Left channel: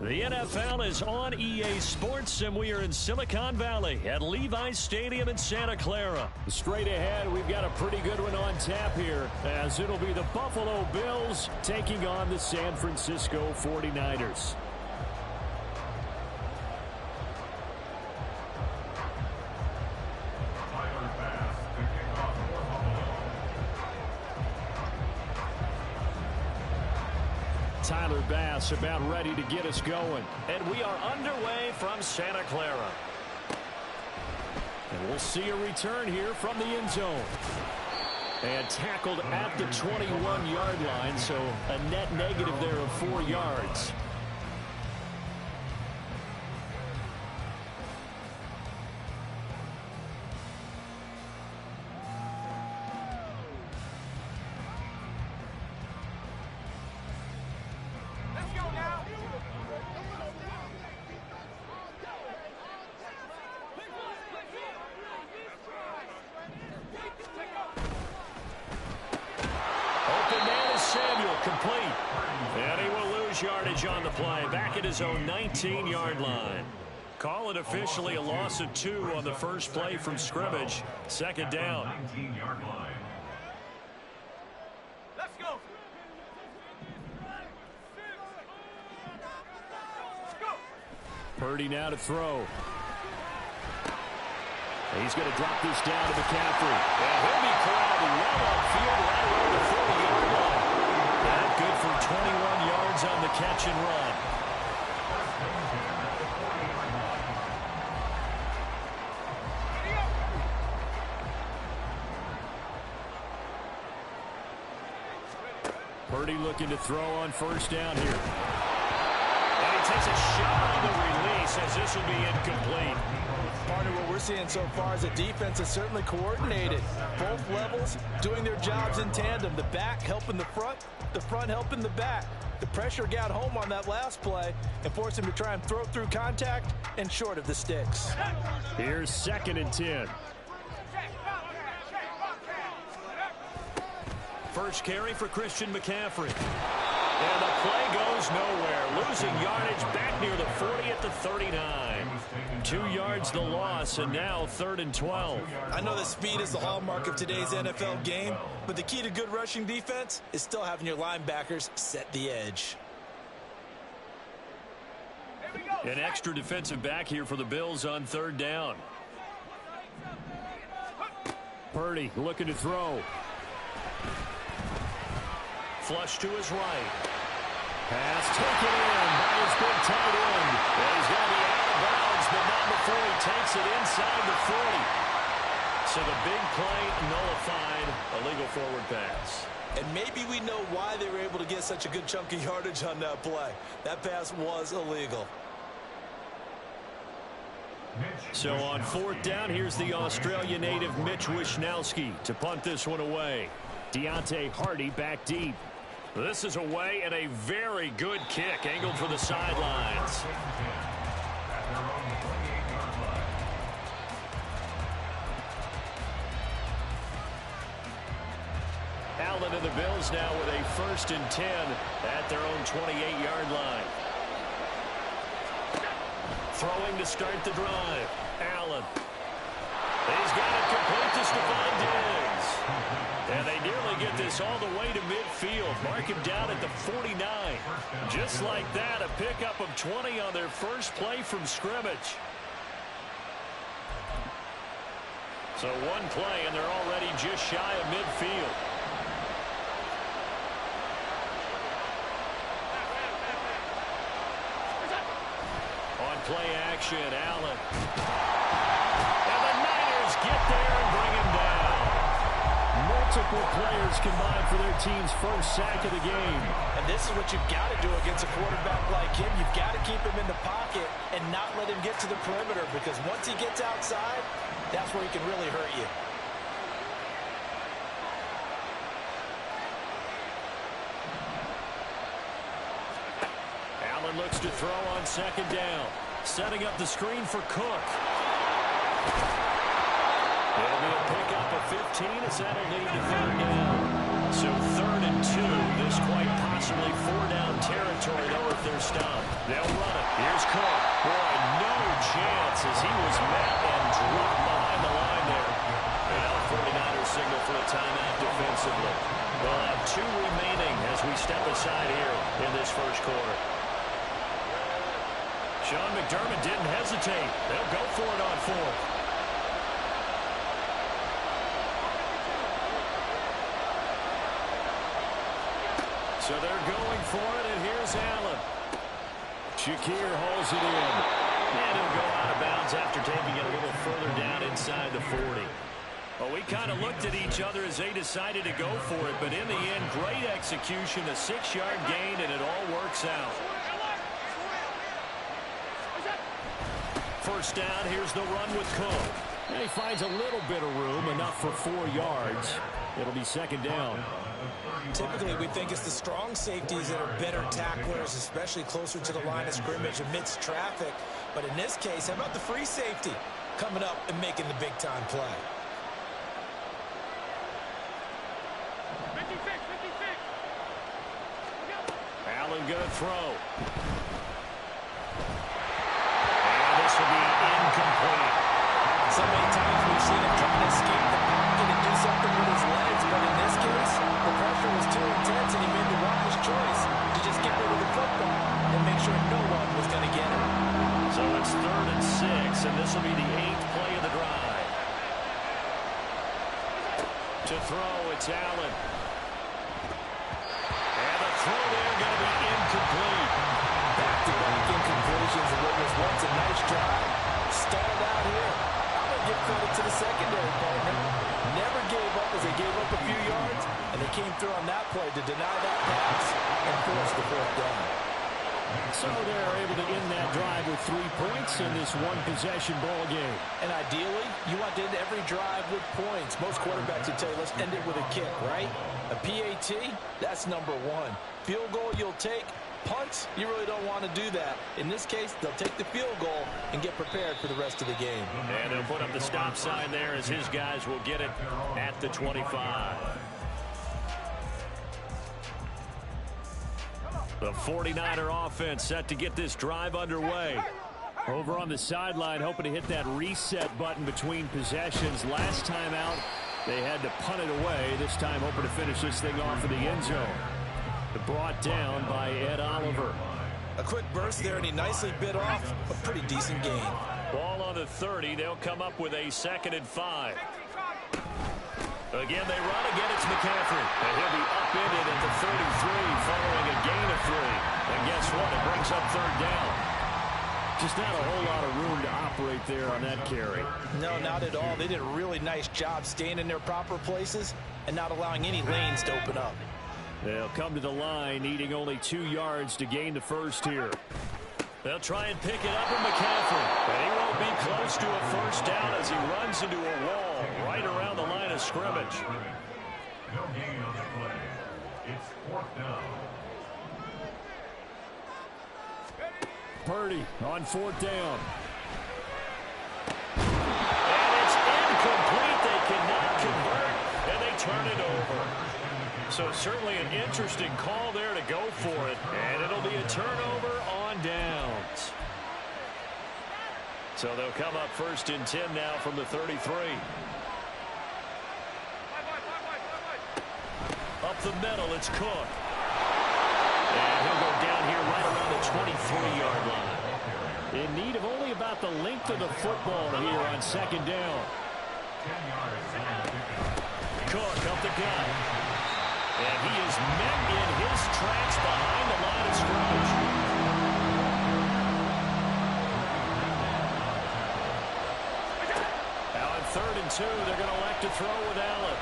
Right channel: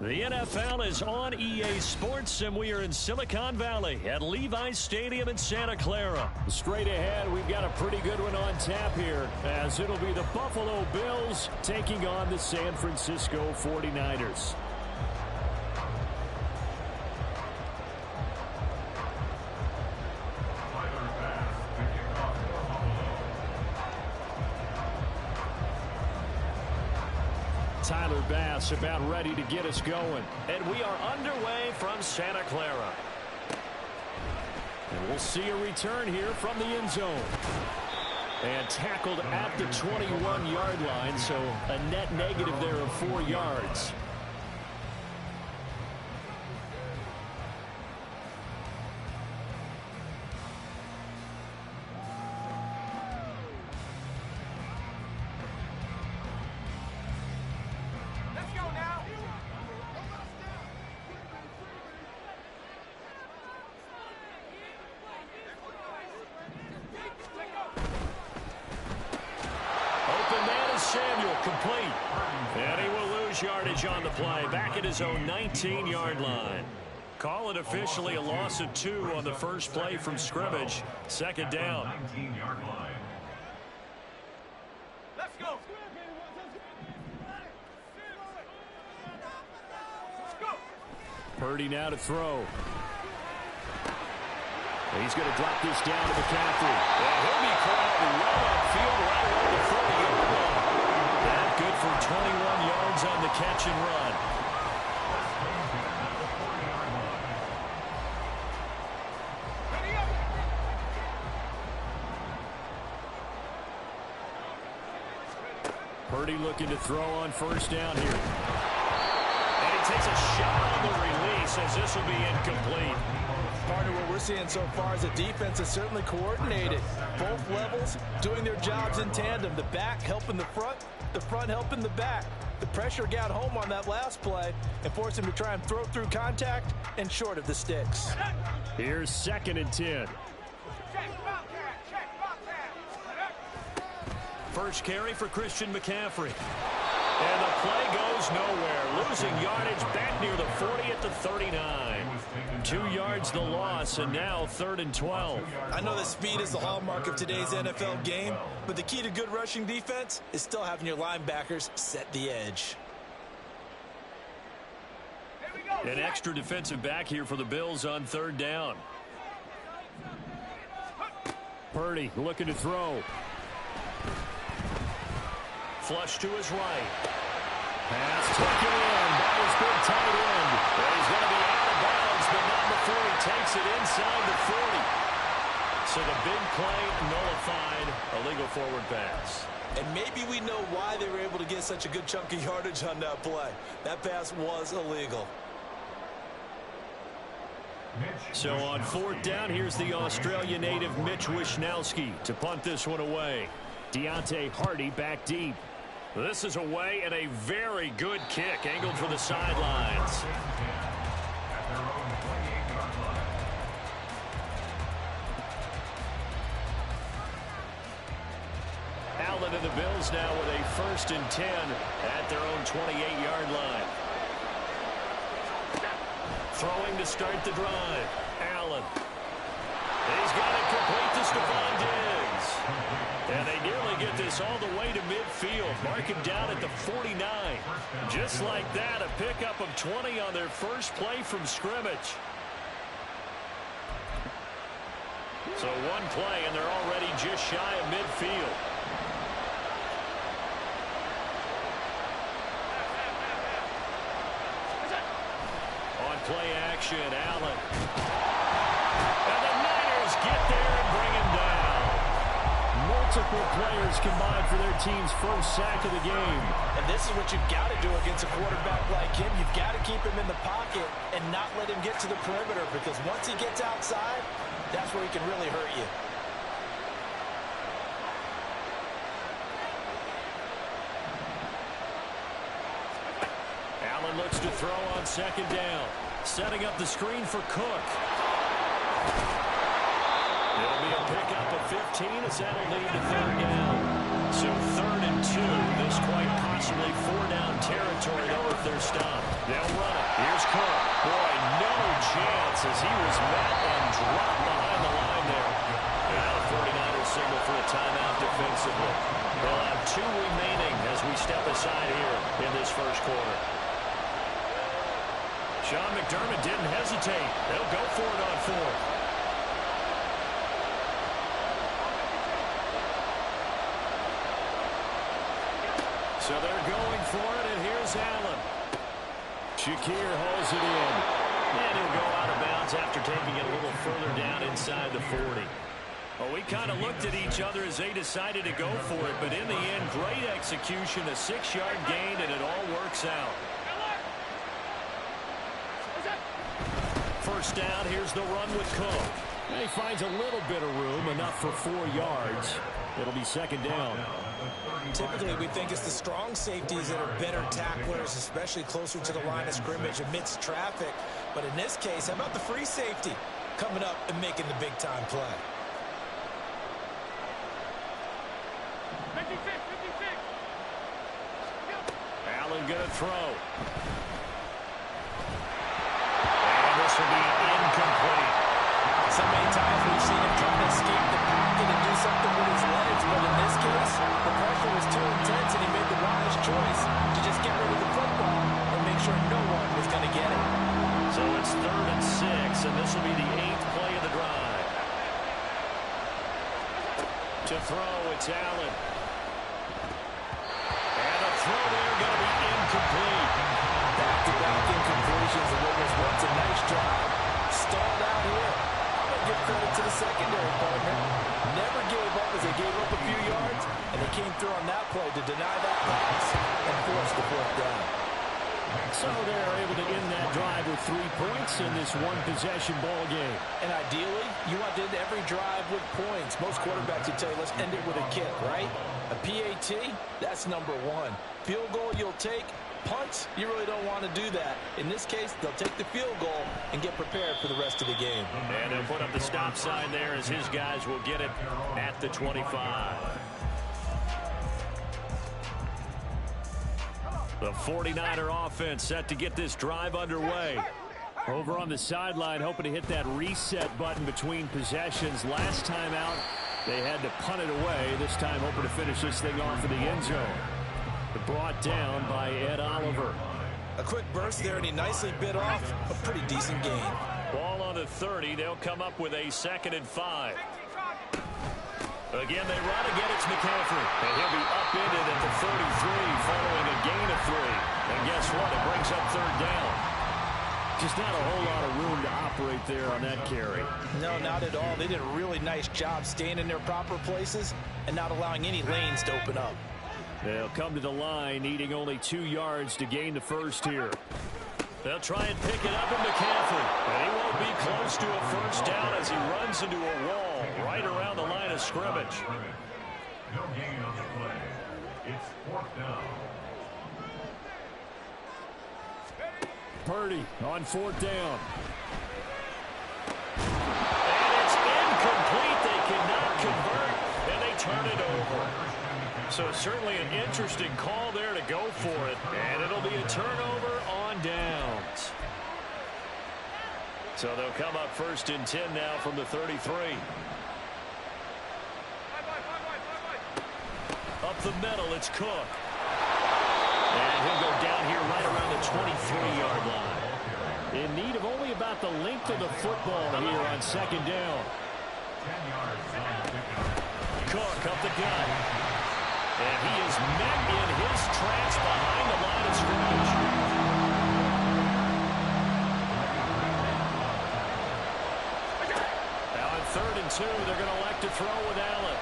The NFL is on EA Sports, and we are in Silicon Valley at Levi's Stadium in Santa Clara. Straight ahead, we've got a pretty good one on tap here, as it'll be the Buffalo Bills taking on the San Francisco 49ers. Tyler Bass about ready to get us going. And we are underway from Santa Clara. And we'll see a return here from the end zone. And tackled at the 21-yard line, so a net negative there of 4 yards. Complete. And he will lose yardage on the play. Back at his own 19-yard line. Call it officially a loss of 2 on the first play from scrimmage. Second down. 19-yard line. Let's go. Purdy now to throw. He's going to drop this down to McCaffrey. And he'll be corralled well upfield right around the 40-yard line. That good for 21 yards on the catch and run. Purdy looking to throw on first down here. And he takes a shot on the release as this will be incomplete. Partner, what we're seeing so far is the defense is certainly coordinated. Both levels doing their jobs in tandem. The back helping the front helping the back. The pressure got home on that last play and forced him to try and throw through contact and short of the sticks. Here's 2nd and 10. First carry for Christian McCaffrey. And the play goes nowhere. Losing yardage back near the 40 at the 39. 2 yards the loss, and now 3rd and 12. I know that speed is the hallmark of today's NFL game, but the key to good rushing defense is still having your linebackers set the edge. An extra defensive back here for the Bills on 3rd down. Purdy looking to throw. Flush to his right. Pass taken in by his big tight end. And he's going to be out of bounds, but not before he takes it inside the 40. So the big play nullified, a legal forward pass. And maybe we know why they were able to get such a good chunk of yardage on that play. That pass was illegal. So on 4th down, here's the Australia native Mitch Wishnowsky to punt this one away. Deontay Hardy back deep. This is away and a very good kick angled for the sidelines. Allen and the Bills now with a 1st and 10 at their own 28-yard line. Throwing to start the drive. Allen. He's got it complete to Stephon Diggs. And they nearly get this all the way to midfield. Mark him down at the 49. Just like that, a pickup of 20 on their first play from scrimmage. So one play, and they're already just shy of midfield. On play action, Allen. And the Niners get there and bring him down. Multiple players combined for their team's first sack of the game. And this is what you've got to do against a quarterback like him. You've got to keep him in the pocket and not let him get to the perimeter, because once he gets outside, that's where he can really hurt you. Allen looks to throw on 2nd down. Setting up the screen for Cook. It'll be a pickup of 15 as that'll lead to 3rd down. So 3rd and 2. This quite possibly 4-down territory. territory, though, if they're stopped. They'll run it. Here's Cook. Boy, no chance as he was met and dropped behind the line there. And now the 49ers signal for a timeout defensively. They'll have 2 remaining as we step aside here in this first quarter. Sean McDermott didn't hesitate. They'll go for it on 4th. So they're going for it, and here's Allen. Shakir holds it in. And he'll go out of bounds after taking it a little further down inside the 40. Well, we kind of looked at each other as they decided to go for it, but in the end, great execution, a 6-yard gain, and it all works out. First down, here's the run with Cook. And he finds a little bit of room, enough for 4 yards. It'll be second down. Typically, we think it's the strong safeties that are better tacklers, especially closer to the line of scrimmage amidst traffic. But in this case, how about the free safety coming up and making the big-time play? 56. Allen going to throw. And this will be incomplete. So many times we've seen him trying to escape the pocket and do something with his legs, but in this case, the pressure was too intense and he made the wise choice to just get rid of the football and make sure no one was going to get it. So it's 3rd and 6, and this will be the 8th play of the drive. To throw, it's Allen. And the throw there going to be incomplete. Back-to-back incompletions of what was once a nice drive. Stalled out here. I'm going to give credit to the secondary partner. Never gave up as they gave up a few yards, and they came through on that play to deny that pass and force the 4th down. So they're able to end that drive with 3 points in this one-possession ball game. And ideally, you want to end every drive with points. Most quarterbacks would tell you, let's end it with a kick, right? A PAT, that's number 1. Field goal you'll take. Punts, you really don't want to do that. In this case, they'll take the field goal and get prepared for the rest of the game. And they'll put up the stop sign there as his guys will get it at the 25. The 49er offense set to get this drive underway. Over on the sideline, hoping to hit that reset button between possessions. Last time out, they had to punt it away. This time, hoping to finish this thing off in the end zone. Brought down by Ed Oliver. A quick burst there, and he nicely bit off a pretty decent gain. Ball on the 30. They'll come up with a 2nd and 5. Again, they run. Again, it's McCaffrey. And he'll be upended at the 33 following a gain of 3. And guess what? It brings up 3rd down. Just not a whole lot of room to operate there on that carry. No, not at all. They did a really nice job staying in their proper places and not allowing any lanes to open up. They'll come to the line, needing only 2 yards to gain the first here. They'll try and pick it up with McCaffrey. And he won't be close to a first down as he runs into a wall right around the line of scrimmage. No gain on the play. It's 4th down. Purdy on 4th down. And it's incomplete. They cannot convert, and they turn it over. So certainly an interesting call there to go for it. And it'll be a turnover on downs. So they'll come up 1st and 10 now from the 33. Up the middle, it's Cook. And he'll go down here right around the 23-yard line. In need of only about the length of the football here on 2nd down. Cook up the gut. And he is met in his tracks behind the line of scrimmage. Now on 3rd and 2, they're going to elect to throw with Allen.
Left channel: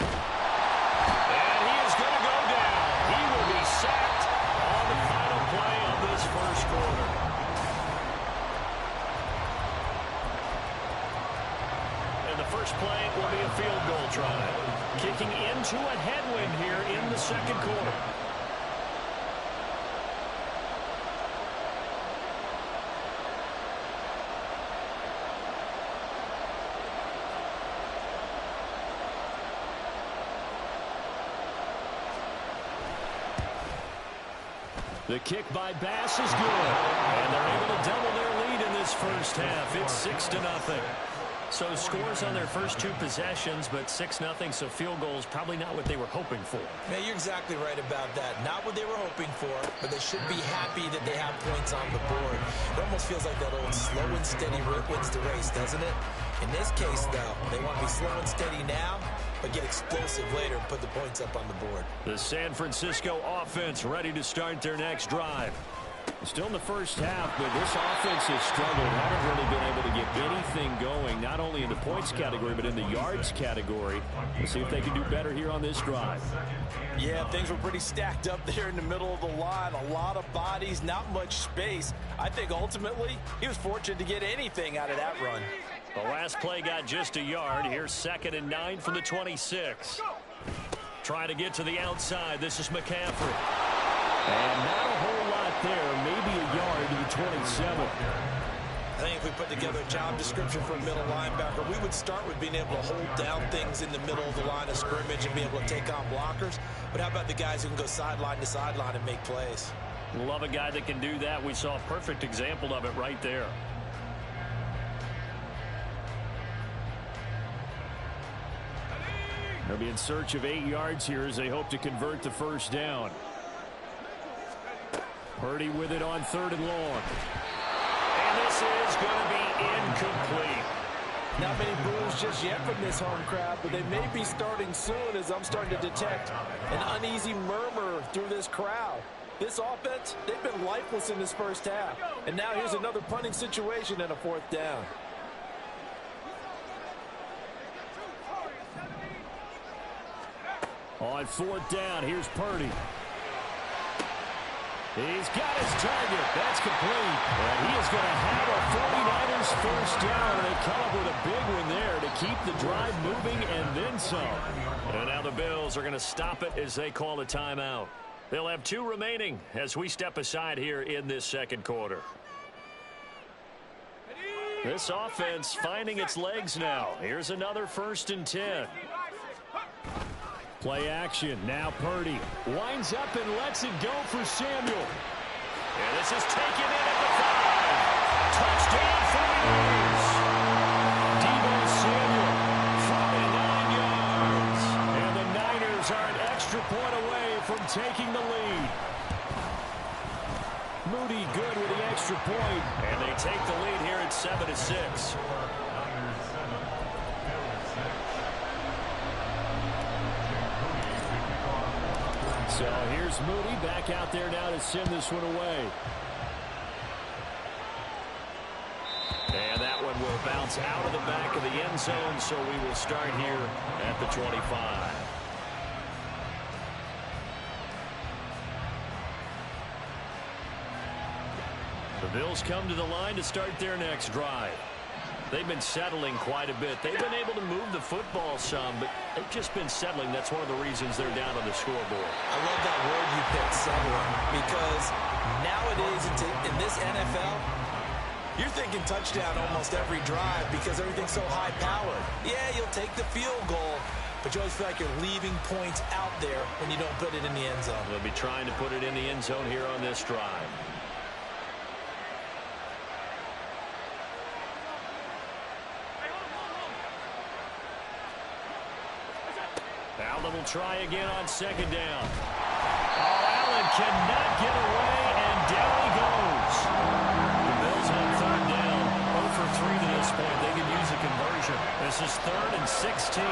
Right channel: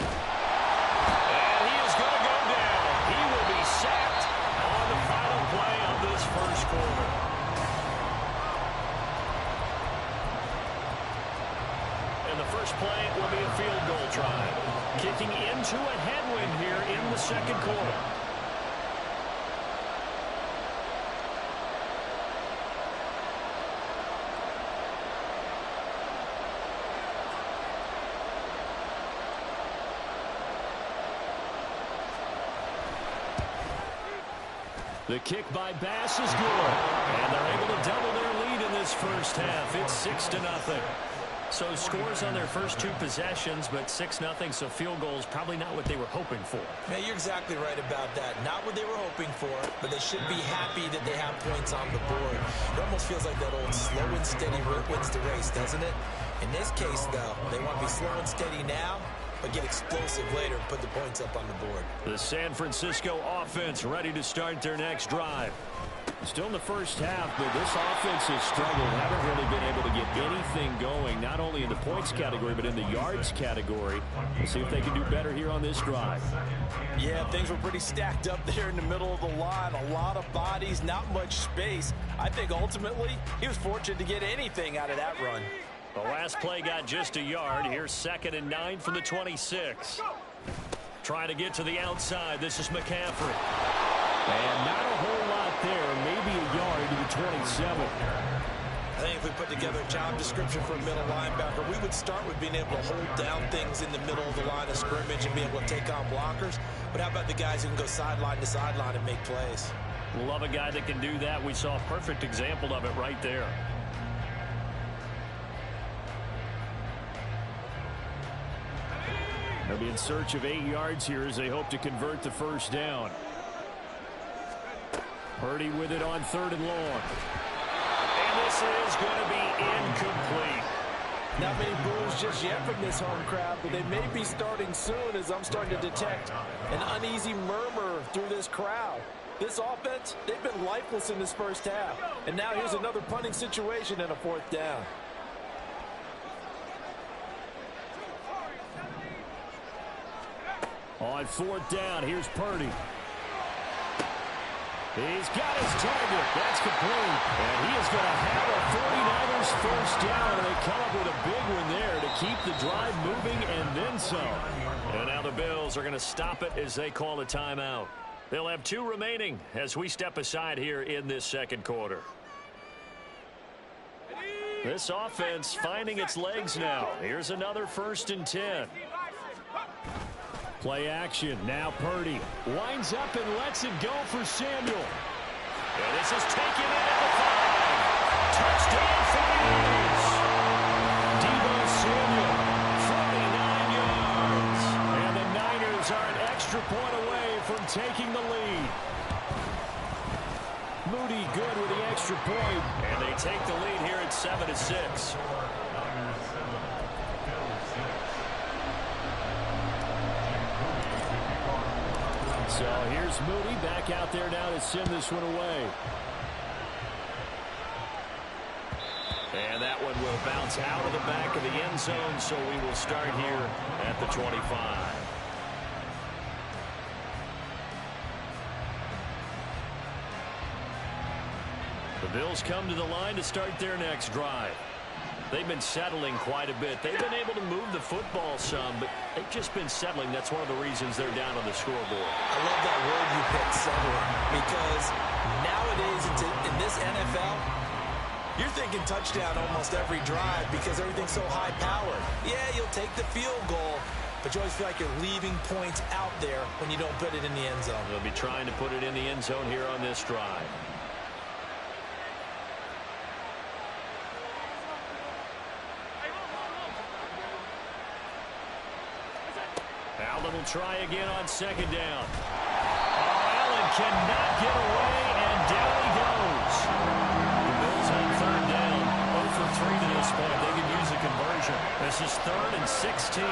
And he is going to go down. He will be sacked on the final play of this first quarter. And the first play will be a field goal try. Kicking into a headwind here in the 2nd quarter. The kick by Bass is good. And they're able to double their lead in this first half. It's 6-0. So scores on their first two possessions, but 6-0, so field goals probably not what they were hoping for. Man, you're exactly right about that. Not what they were hoping for, but they should be happy that they have points on the board. It almost feels like that old slow and steady wins the race, doesn't it? In this case, though, they want to be slow and steady now, but get explosive later and put the points up on the board. The San Francisco offense ready to start their next drive. Still in the first half, but this offense has struggled. Haven't really been able to get anything going, not only in the points category, but in the yards category. We'll see if they can do better here on this drive. Yeah, things were pretty stacked up there in the middle of the line. A lot of bodies, not much space. I think ultimately he was fortunate to get anything out of that run. The last play got just a yard. Here's 2nd and 9 from the 26. Trying to get to the outside. This is McCaffrey. And not a whole lot there. Maybe a yard to the 27. I think if we put together a job description for a middle linebacker, we would start with being able to hold down things in the middle of the line of scrimmage and be able to take on blockers. But how about the guys who can go sideline to sideline and make plays? Love a guy that can do that. We saw a perfect example of it right there. They'll be in search of 8 yards here as they hope to convert the first down. Purdy with it on 3rd and long. And this is going to be incomplete. Not many boos just yet from this home crowd, but they may be starting soon as I'm starting to detect an uneasy murmur through this crowd. This offense, they've been lifeless in this first half. And now here's another punting situation and a 4th down. On 4th down, here's Purdy. He's got his target. That's complete. And he is going to have a 49ers first down. And they come up with a big one there to keep the drive moving and then some. And now the Bills are going to stop it as they call a timeout. They'll have 2 remaining as we step aside here in this second quarter. This offense finding its legs now. Here's another 1st and 10. Play action. Now Purdy winds up and lets it go for Samuel. And this is taken in at the 5. Touchdown 49ers. Deebo Samuel, 49 yards. And the Niners are an extra point away from taking the lead. Moody good with the extra point. And they take the lead here at 7-6. So here's Moody back out there now to send this one away. And that one will bounce out of the back of the end zone, so we will start here at the 25. The Bills come to the line to start their next drive. They've been settling quite a bit. They've been able to move the football some, but they've just been settling. That's one of the reasons they're down on the scoreboard. I love that word you picked, settling, because nowadays in this NFL, you're thinking touchdown almost every drive because everything's so high-powered. Yeah, you'll take the field goal, but you always feel like you're leaving points out there when you don't put it in the end zone. They'll be trying to put it in the end zone here on this drive. Allen will try again on 2nd down. Oh, Allen cannot get away, and down he goes. The Bills on 3rd down, 0 for 3 to this point. They can use a conversion. This is 3rd and 16.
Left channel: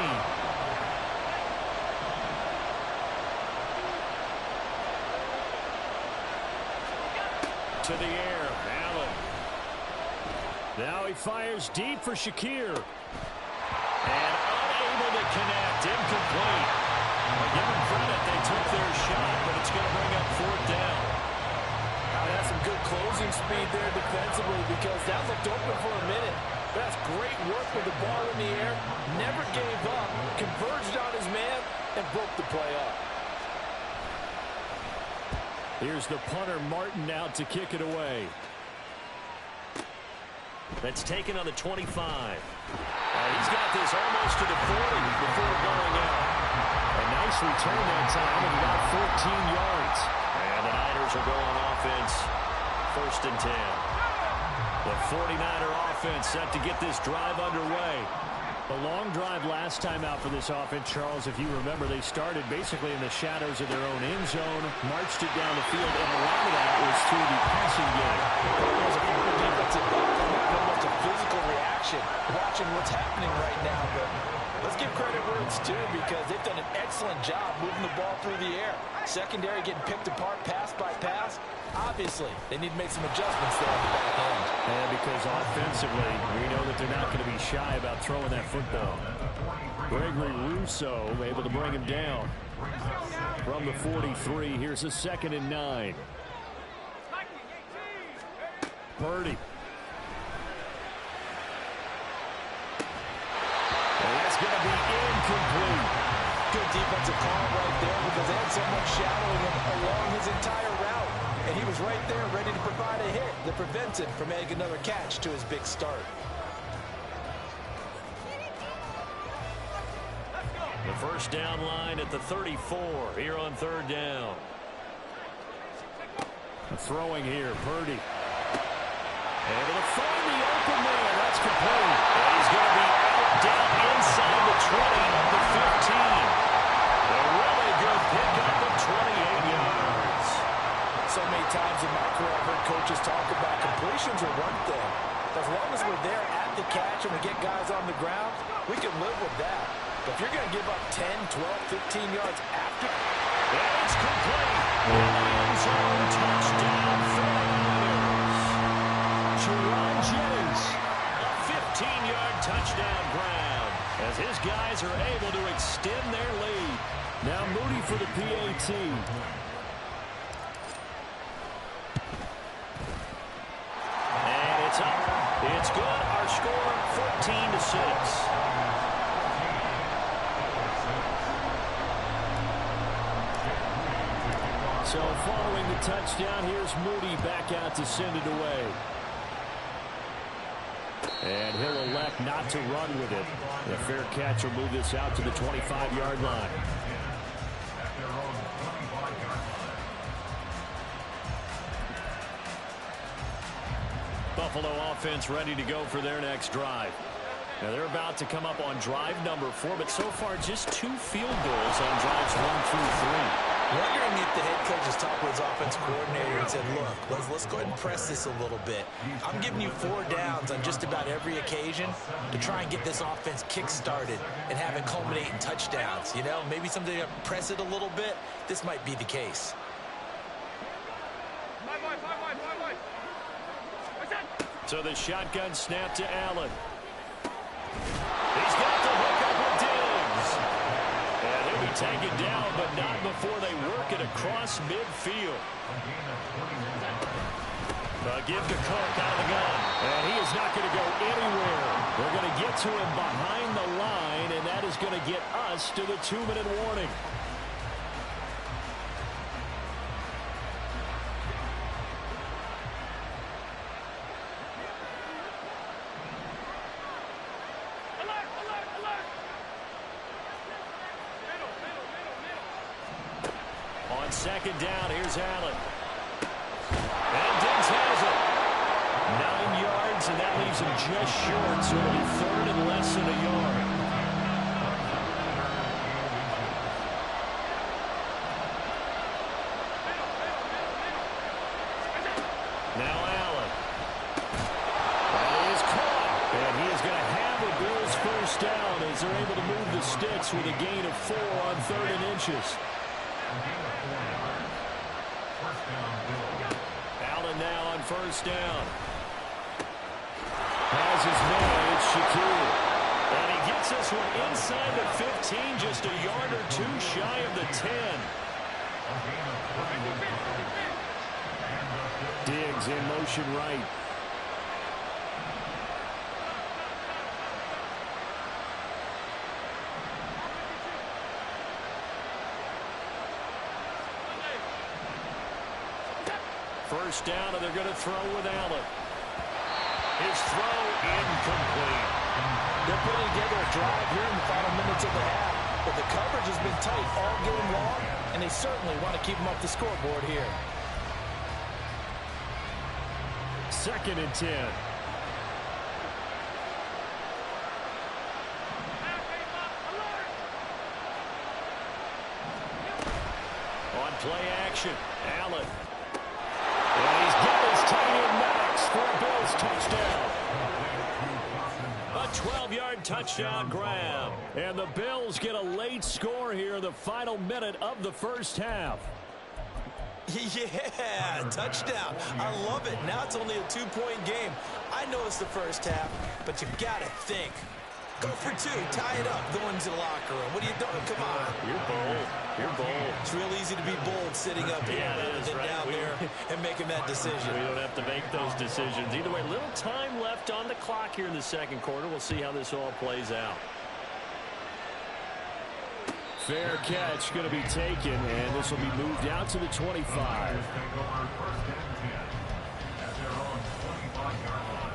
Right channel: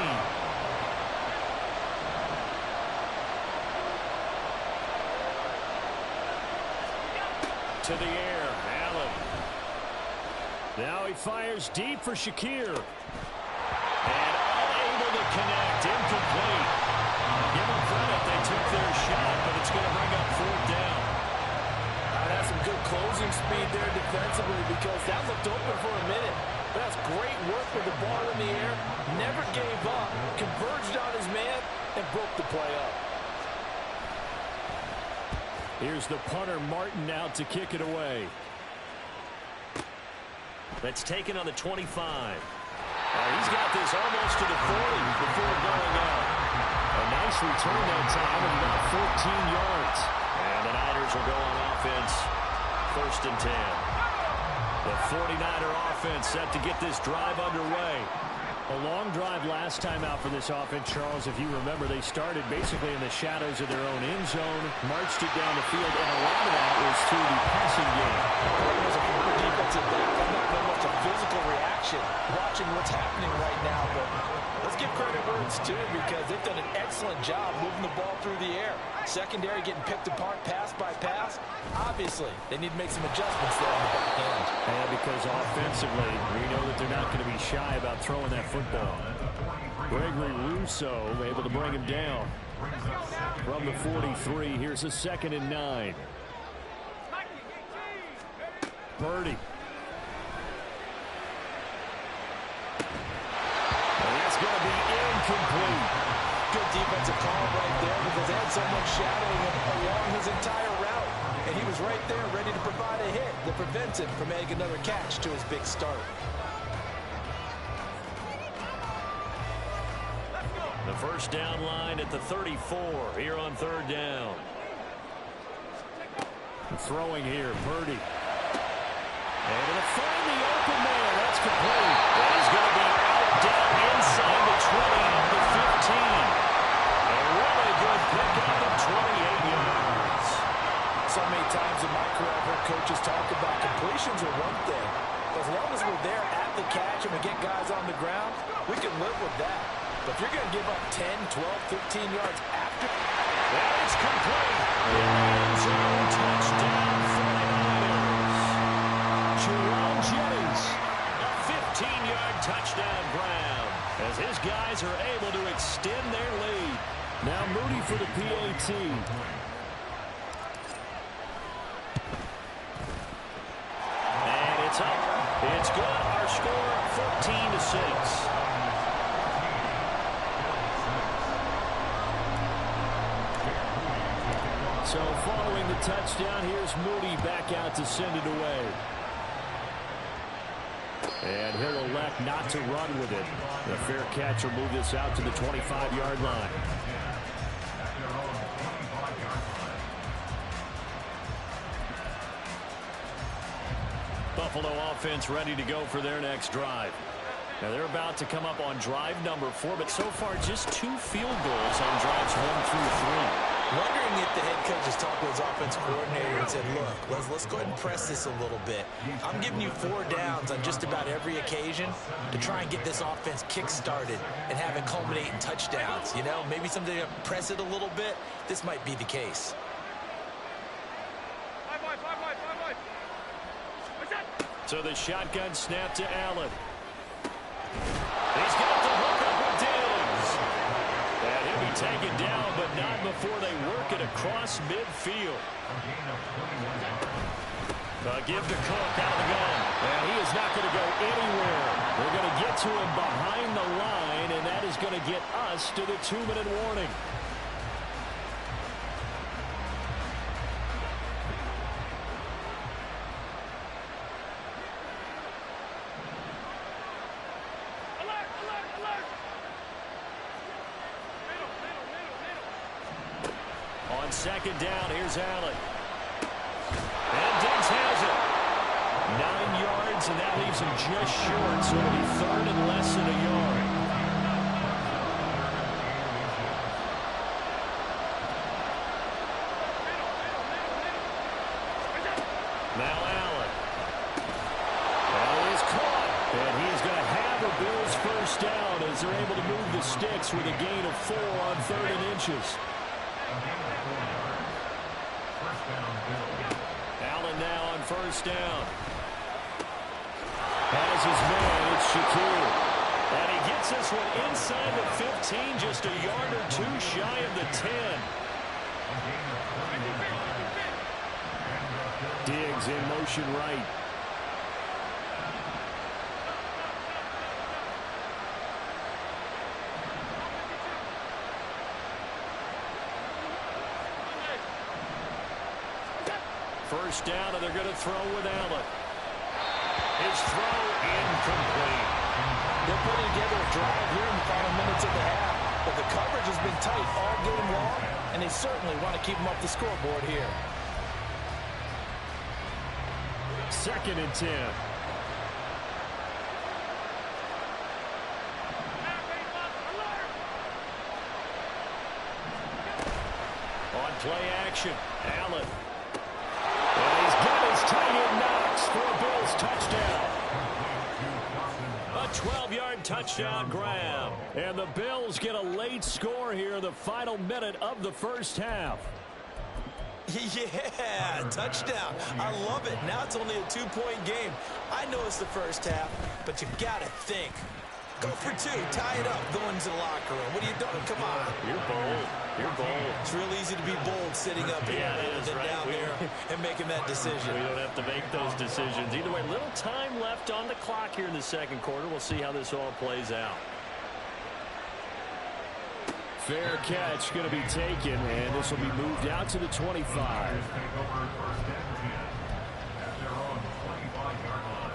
To the air, Allen. Now he fires deep for Shakir. And unable to connect, incomplete. I'll give them credit, they took their shot, but it's going to bring up 4th down. That's some good closing speed there defensively because that looked open for a minute. But that's great work with the ball in the air. Never gave up, converged on his man, and broke the play up. Here's the punter, Martin, out to kick it away. That's taken on the 25. He's got this almost to the 40 before going out. A nice return that time of about 14 yards. And the Niners will go on offense, 1st and 10. The 49er offense set to get this drive underway. A long drive last time out for this offense, Charles. If you remember, they started basically in the shadows of their own end zone, marched it down the field, and a lot of that was through the passing game. As a former defensive back, I'm not know much of physical reaction watching what's happening right now, but let's give credit where it's due because they've done an excellent job moving the ball through the air. Secondary getting picked apart pass by pass. Obviously, they need to make some adjustments there on the back end. And because offensively, we know that they're not going to be shy about throwing that football. Gregory Rousseau able to bring him down. From the 43, here's a 2nd and 9. Purdy. And that's going to be incomplete. Good defensive call right there because they had someone shadowing him along his entire route. And he was right there ready to provide a hit that prevents him from making another catch to his big start. The first down line at the 34 here on 3rd down. Throwing here, Purdy. Able to find the open man. That's complete. And he's going to be out down inside the 20 of the 15. A really good pickup of 28 yards. So many times in my career I've heard coaches talk about completions are one thing. But as long as we're there at the catch and we get guys on the ground, we can live with that. But if you're going to give up 10, 12, 15 yards after. And it's complete. In the end zone, touchdown 49ers. Jerome Jennings, a 15-yard touchdown grab as his guys are able to extend their lead. Now Moody for the PAT. And it's up. It's good. Our score, 14-6. So following the touchdown, here's Moody back out to send it away. And he'll elect not to run with it. The fair catch will move this out to the 25-yard line. Buffalo offense ready to go for their next drive. Now they're about to come up on drive number 4, but so far just 2 field goals on drives 1 through 3. Wondering if the head coach has talked with his offensive coordinator and said, look, let's go ahead and press this a little bit. I'm giving you 4 downs on just about every occasion to try and get this offense kick-started and have it culminate in touchdowns. You know, maybe someday press it a little bit. This might be the case. 5 wide. So the shotgun snap to Allen. He's got the hook up with Diggs. And he'll be taken down, but not before they work it across midfield. A give to Cook out of the gun. And he is not going to go anywhere. They're going to get to him behind the line, and that is going to get us to the 2-minute warning. On 2nd down, here's Allen. And Diggs has it. 9 yards, and that leaves him just short, so it'll be 3rd and less than a yard. Now Allen. That is caught. And he is going to have a Bills first down as they're able to move the sticks with a gain of 4 on 3rd and inches. Allen now on 1st down. Has his man, it's Shakir. And he gets this one inside the 15, just a yard or 2 shy of the 10. Diggs in motion right. First down, and they're going to throw with Allen. His throw incomplete. They're putting together a drive here in the final minutes of the half. Well, the coverage has been tight all game long, and they certainly want to keep them up the scoreboard here. 2nd and 10. On play action, Allen. And he's got his tight end knocks for a Bills touchdown. A 12-yard touchdown grab. And the Bills get a late score here in the final minute of the first half. Yeah, touchdown. I love it. Now it's only a 2-point game. I know it's the first half, but you got to think. Go for 2. Tie it up. Go into the locker room. What are you doing? Come on. You're bold. You're bold. It's real easy to be bold sitting up here rather than down there and making that decision. We don't have to make those decisions. Either way, little time left on the clock here in the second quarter. We'll see how this all plays out. Fair catch going to be taken, and this will be moved out to the 25. Take over 1st and 10 at their own 25-yard line.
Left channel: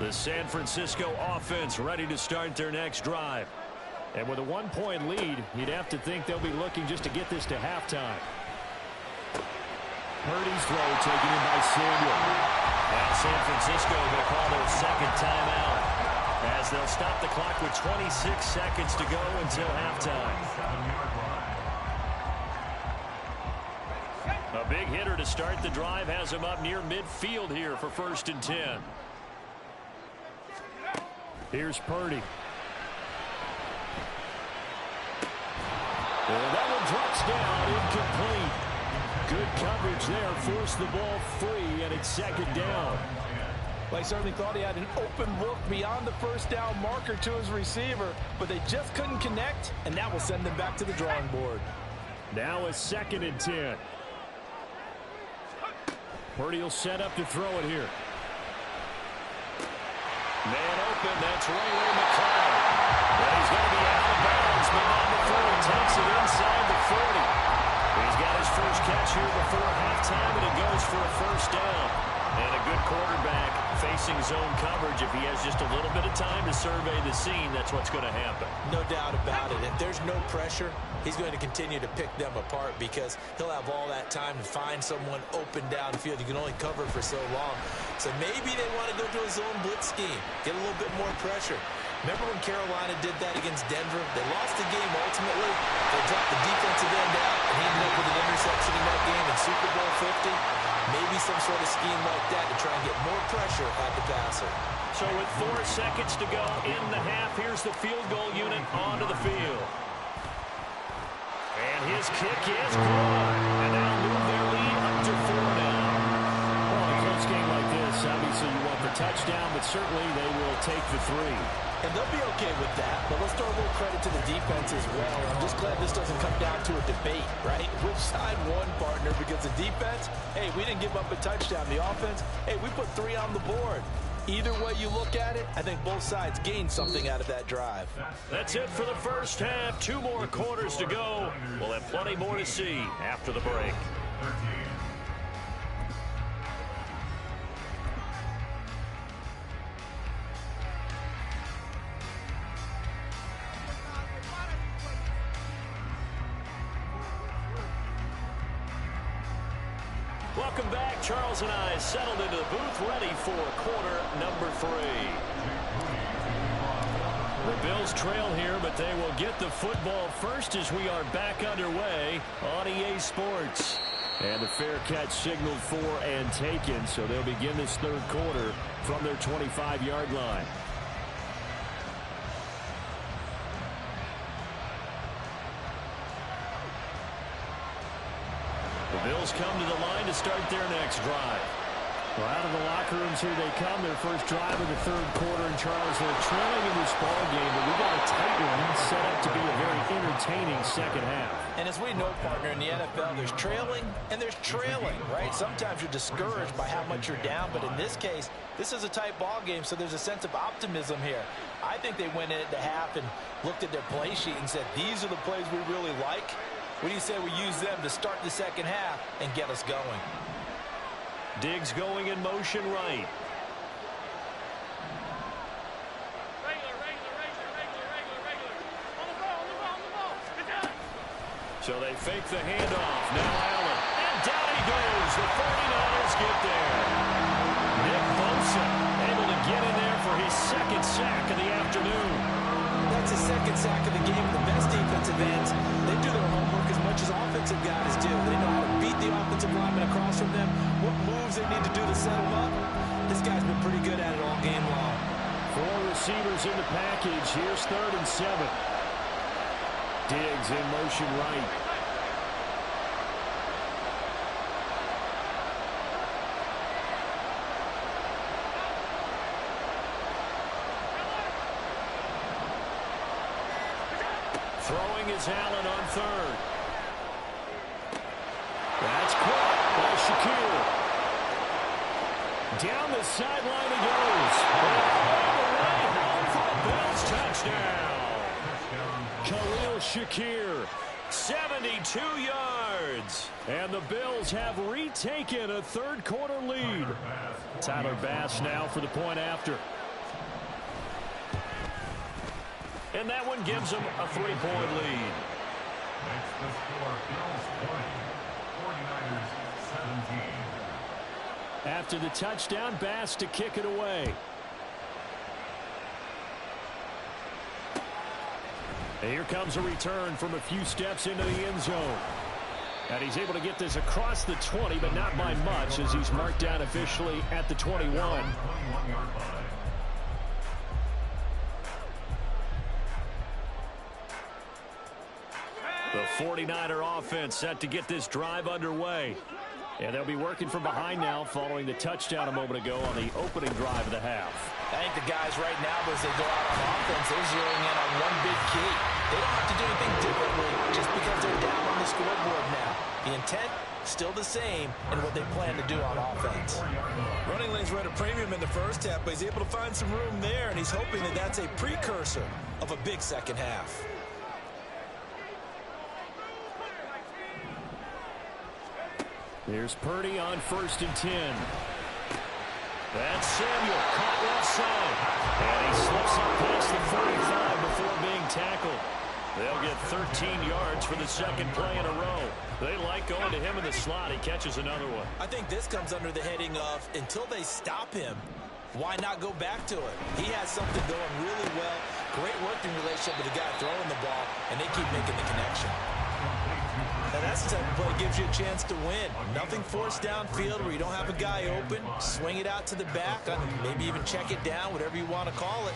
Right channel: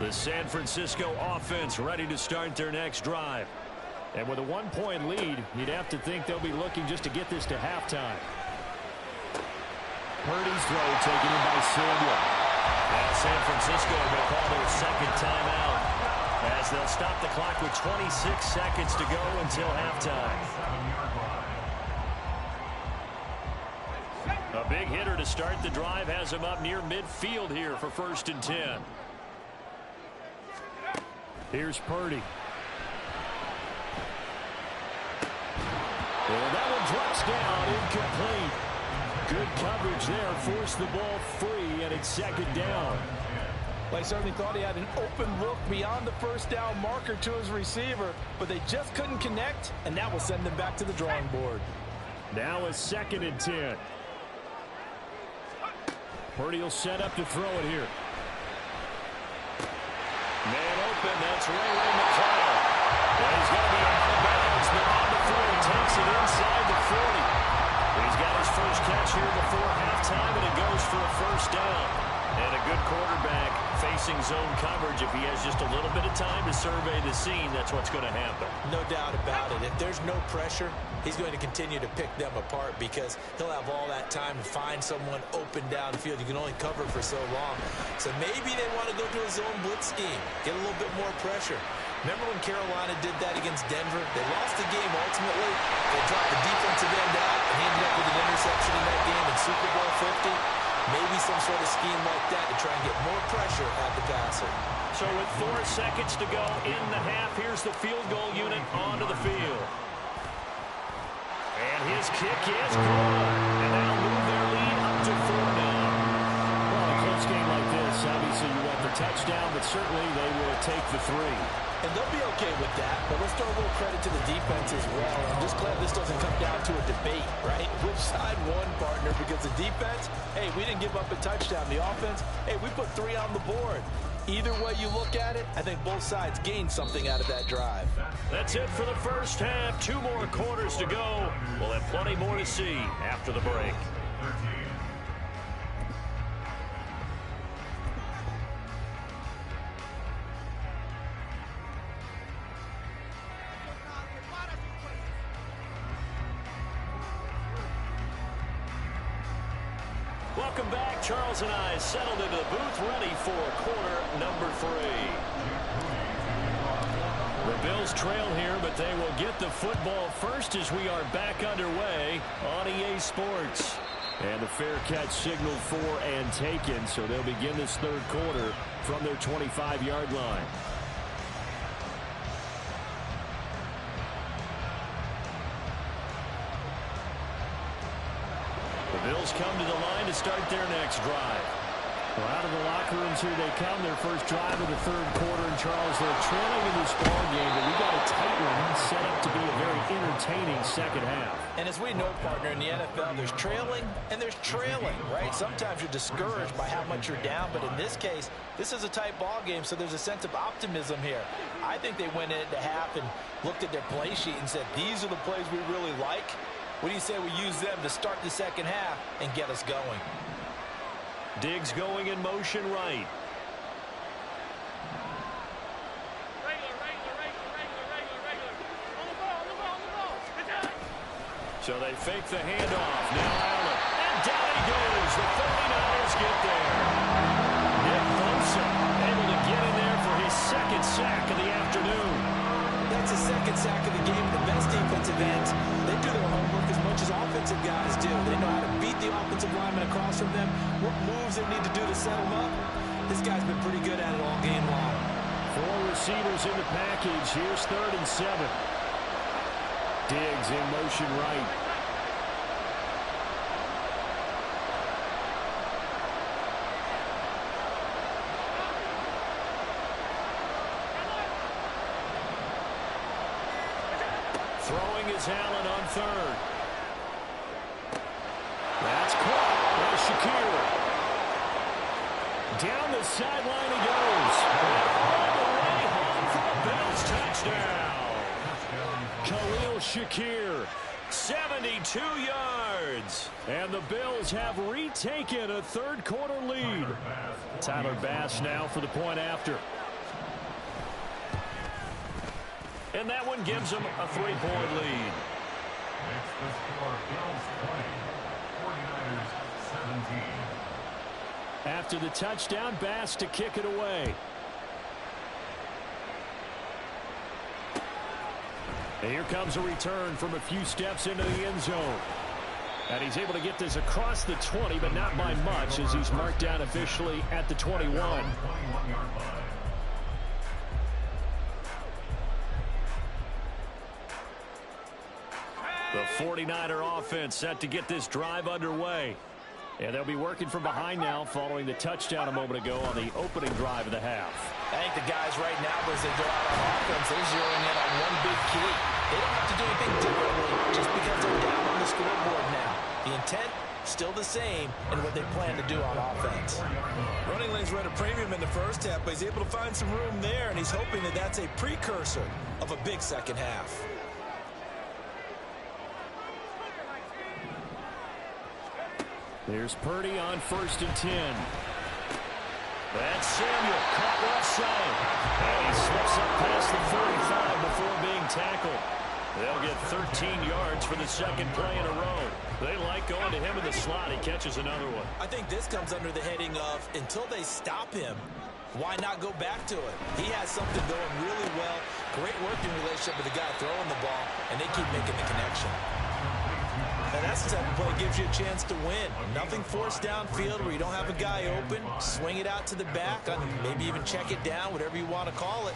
The San Francisco offense ready to start their next drive. And with a 1-point lead, you'd have to think they'll be looking just to get this to halftime. Purdy's throw taken in by Samuel. Now San Francisco going to call their second timeout as they'll stop the clock with 26 seconds to go until halftime. A big hitter to start the drive has him up near midfield here for 1st and 10. Here's Purdy. And that one drops down, incomplete. Good coverage there, forced the ball free, and it's 2nd down. Well, I certainly thought he had an open look beyond the first down marker to his receiver, but they just couldn't connect, and that will send them back to the drawing board. Now a 2nd and 10. Purdy will set up to throw it here. Man open, that's Ray McCloud. Well, he's going to be out of bounds, but not before he takes it inside the 40. He's got his first catch here before halftime, and it goes for a 1st down. And a good quarterback facing zone coverage. If he has just a little bit of time to survey the scene, that's what's going to happen. No doubt about it. If there's no pressure, he's going to continue to pick them apart because he'll have all that time to find someone open downfield. You can only cover for so long. So maybe they want to go to a zone blitz scheme, get a little bit more pressure. Remember when Carolina did that against Denver? They lost the game ultimately. They dropped the defensive end out, and he ended up with an interception in that game in Super Bowl 50. Maybe some sort of scheme like that to try and get more pressure at the passer. So with 4 seconds to go in the half, here's the field goal unit onto the field. And his kick is good. And they'll move their lead up to 4 now. Well, in a close game like this, obviously you want the touchdown, but certainly they will take the 3. And they'll be okay with that, but let's throw a little credit to the defense as well. I'm just glad this doesn't come down to a debate, right? Which side won, partner? Because the defense, hey, we didn't give up a touchdown. The offense, hey, we put 3 on the board. Either way you look at it, I think both sides gained something out of that drive. That's it for the first half. 2 more quarters to go. We'll have plenty more to see after the break. Welcome back. Charles and I settled into the booth, ready for quarter number 3. The Bills trail here, but they will get the football first as we are back underway on EA Sports. And the fair catch signaled for and taken, so they'll begin this 3rd quarter from their 25-yard line. The Bills come to the line to start their next drive. Well, out of the locker rooms here they come, their first drive of the 3rd quarter. And Charles, they're trailing in this ball game, but we got a tight one set up to be a very entertaining second half. And as we know, partner, in the NFL, there's trailing and there's trailing, right? Sometimes you're discouraged by how much you're down, but in this case, this is a tight ball game, so there's a sense of optimism here. I think they went into half and looked at their play sheet and said, these are the plays we really like. What do you say we use them to start the second half and get us going? Diggs going in motion right. So they fake the handoff. Now Allen. And down he goes. The 49ers get there. Nick Bosa able to get in there for his second sack of the afternoon. That's his second sack of the game. The best defensive ends, they do their homework as much as offensive guys do. They know how to beat the offensive lineman across from them, what moves they need to do to set them up. This guy's been pretty good at it all game long. 4 receivers in the package. Here's 3rd and 7. Diggs in motion right. Throwing is Allen on 3rd. That's caught by Shakir. Down the sideline he goes. And all the way home for a Bills touchdown. Khalil Shakir, 72 yards. And the Bills have retaken a third-quarter lead. Tyler Bass now for the point after. And that one gives them a 3-point lead. Makes the score Bills 20, 49ers 17. After the touchdown, Bass to kick it away. And here comes a return from a few steps into the end zone. And he's able to get this across the 20, but not by much, as he's marked down officially at the 21. 21-yard line. The 49er offense set to get this drive underway. And they'll be working from behind now following the touchdown a moment ago on the opening drive of the half. I think the guys right now, as they go out on offense, they're zeroing in on one big key. They don't have to do anything differently just because they're down on the scoreboard now. The intent, still the same, and what they plan to do on offense. Running lanes were at a premium in the first half, but he's able to find some room there, and he's hoping that that's a precursor of a big second half. There's Purdy on 1st and 10. That's Samuel, caught left side. And he slips up past the 45 before being tackled. They'll get 13 yards for the second play in a row. They like going to him in the slot. He catches another one. I think this comes under the heading of, until they stop him, why not go back to it? He has something going really well. Great working relationship with the guy throwing the ball, and they keep making the connection. Now that's the type of play that gives you a chance to win. Nothing forced downfield where you don't have a guy open. Swing it out to the back, maybe even check it down, whatever you want to call it.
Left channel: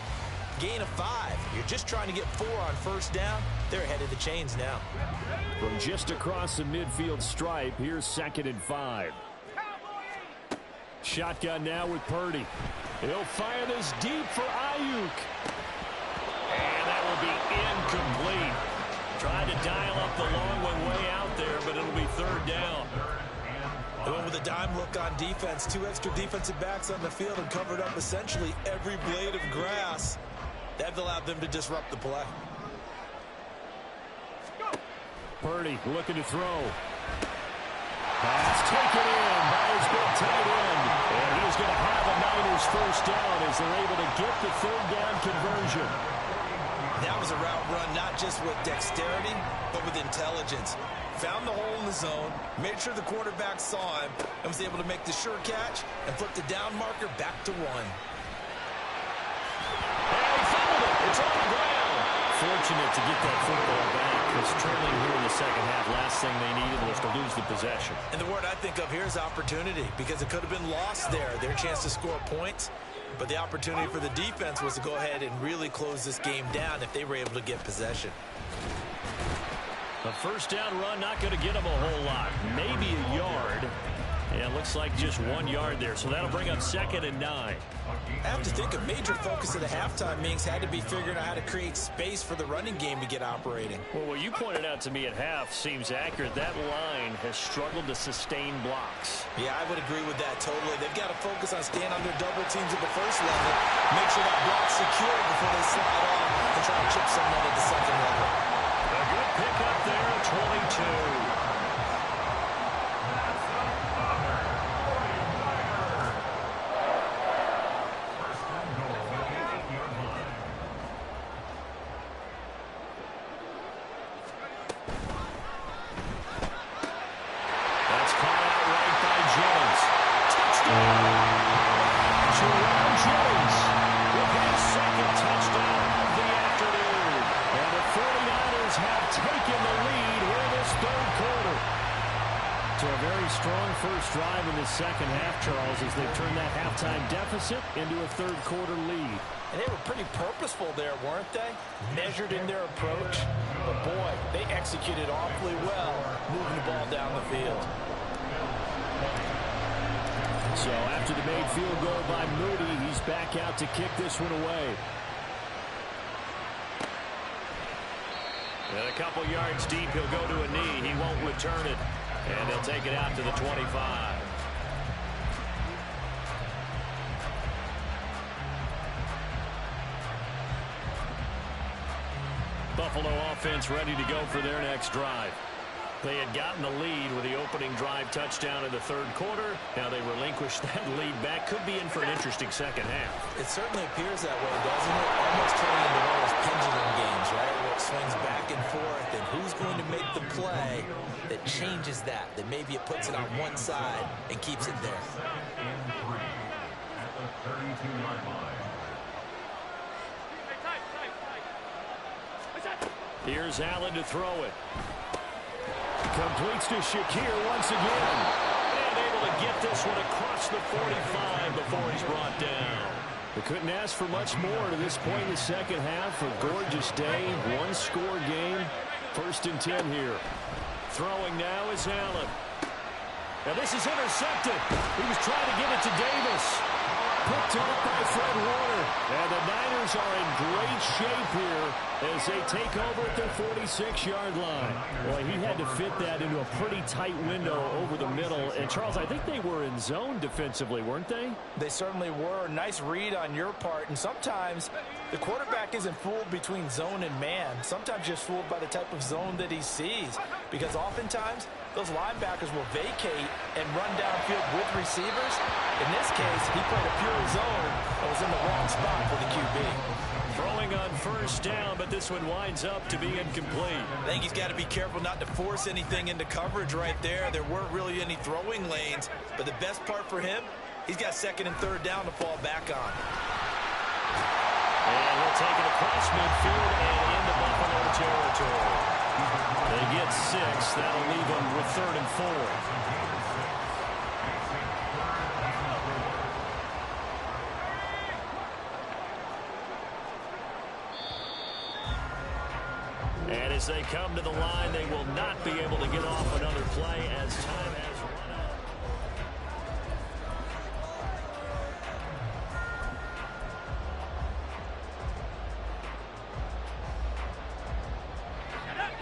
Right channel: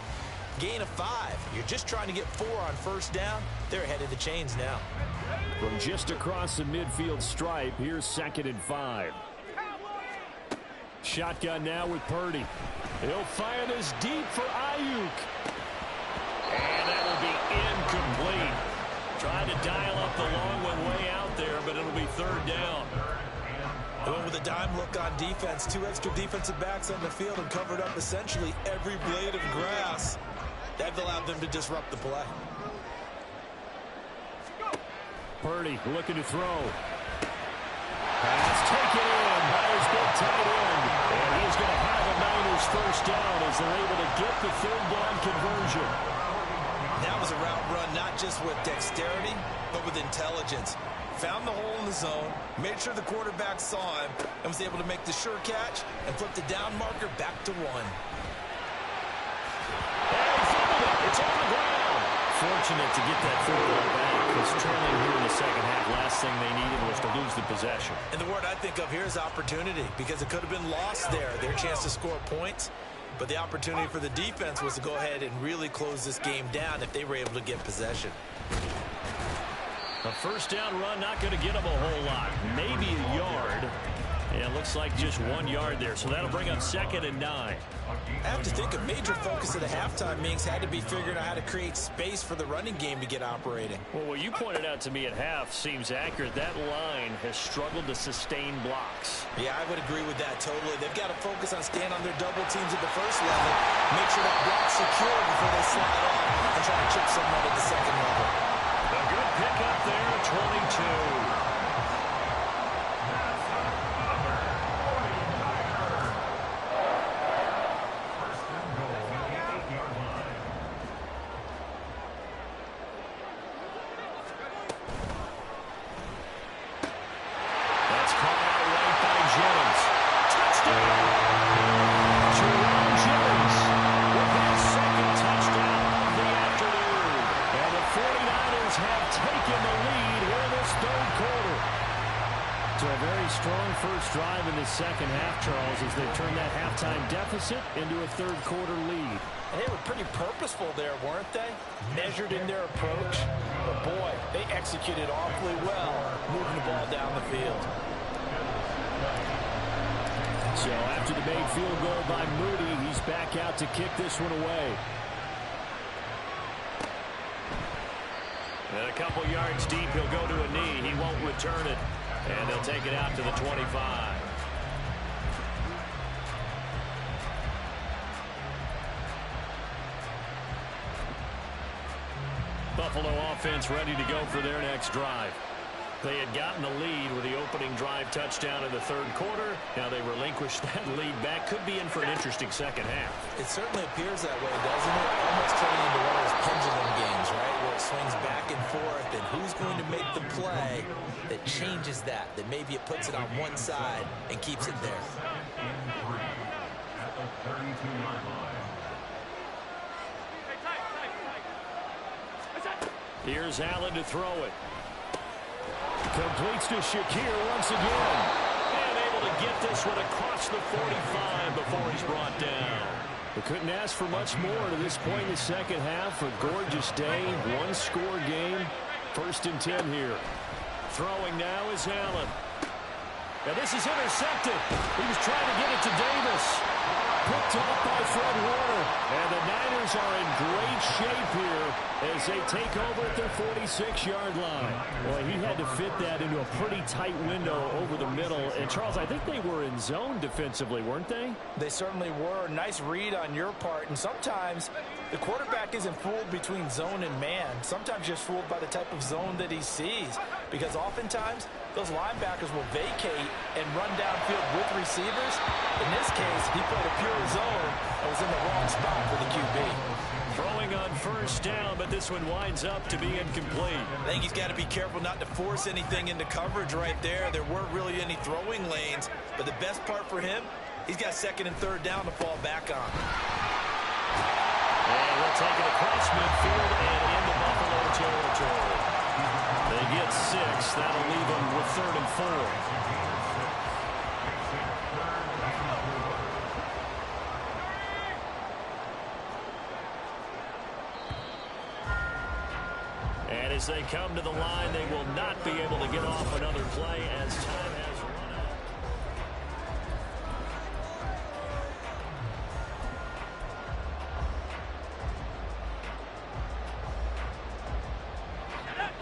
Gain of 5. You're just trying to get 4 on first down. They're ahead of the chains now. From just across the midfield stripe, here's 2nd and 5. Shotgun now with Purdy. He'll fire this deep for Ayuk. And that will be incomplete. Tried to dial up the long one way out there, but it'll be 3rd down. They went with a dime look on defense. 2 extra defensive backs on the field and covered up essentially every blade of grass. That allowed them to disrupt the play. Purdy looking to throw. Pass taken in by his big tight end. And he's going to have a Niners first down as they're able to get the 3rd down conversion. That was a route run not just with dexterity, but with intelligence. Found the hole in the zone, made sure the quarterback saw him, and was able to make the sure catch and flip the down marker back to 1. And he fumbled it. It's on the ground. Fortunate to get that football back, because trailing here in the second half, last thing they needed was to lose the possession. And the word I think of here is opportunity, because it could have been lost there. Their chance to score points. But the opportunity for the defense was to go ahead and really close this game down if they were able to get possession. A first down run not going to get them a whole lot. Maybe a yard. And it looks like just 1 yard there. So that'll bring up 2nd and 9. I have to think a major focus of the halftime meetings had to be figuring out how to create space for the running game to get operating. Well, what you pointed out to me at half seems accurate. That line has struggled to sustain blocks. Yeah, I would agree with that totally. They've got to focus on staying on their double teams at the first level, make sure that block's secure before they slide off and try to chip someone at the second level. A good pickup there, 22. That's caught out right by Jennings. Touchdown! Jerome Jennings with his second touchdown of the afternoon. And the 49ers have taken the lead here in this third quarter. So a very strong first drive in the second half, Charles, as they've turned that halftime deficit into a third quarter lead. And they were pretty purposeful there, weren't they? Measured in their approach. But, boy, they executed awfully well moving the ball down the field. So after the made field goal by Moody, he's back out to kick this one away. And a couple yards deep, he'll go to a knee. He won't return it. And they'll take it out to the 25. Buffalo offense ready to go for their next drive. They had gotten the lead with the opening drive touchdown in the third quarter. Now they relinquished that lead back. Could be in for an interesting second half. It certainly appears that way, doesn't it? Almost turning into one of those pendulum games, right? Where it swings back and forth, and who's going to make the play that changes that maybe it puts it on one side and keeps it there. At the 32-yard line. Here's Allen to throw it. Completes to Shakir once again. And able to get this one across the 45 before he's brought down. They couldn't ask for much more to this point in the second half. A gorgeous day, one-score game. 1st and 10 here. Throwing now is Allen. Now this is intercepted. He was trying to get it to Davis. Picked off by Fred Warner. And the Niners are in great shape here as they take over at their 46-yard line. Well, he had to fit that into a pretty tight window over the middle. And, Charles, I think they were in zone defensively, weren't they? They certainly were. Nice read on your part. And sometimes the quarterback isn't fooled between zone and man. Sometimes just fooled by the type of zone that he sees. Because oftentimes those linebackers will vacate and run downfield with receivers. In this case, he played a pure zone and was in the wrong spot for the QB. Throwing on first down, but this one winds up to be incomplete. I think he's got to be careful not to force anything into coverage right there. There weren't really any throwing lanes, but the best part for him, he's got 2nd and 3rd down to fall back on. And he'll take it across midfield and into Buffalo territory. They get 6. That'll leave them with 3rd and 4. And as they come to the line, they will not be able to get off another play as time has run out.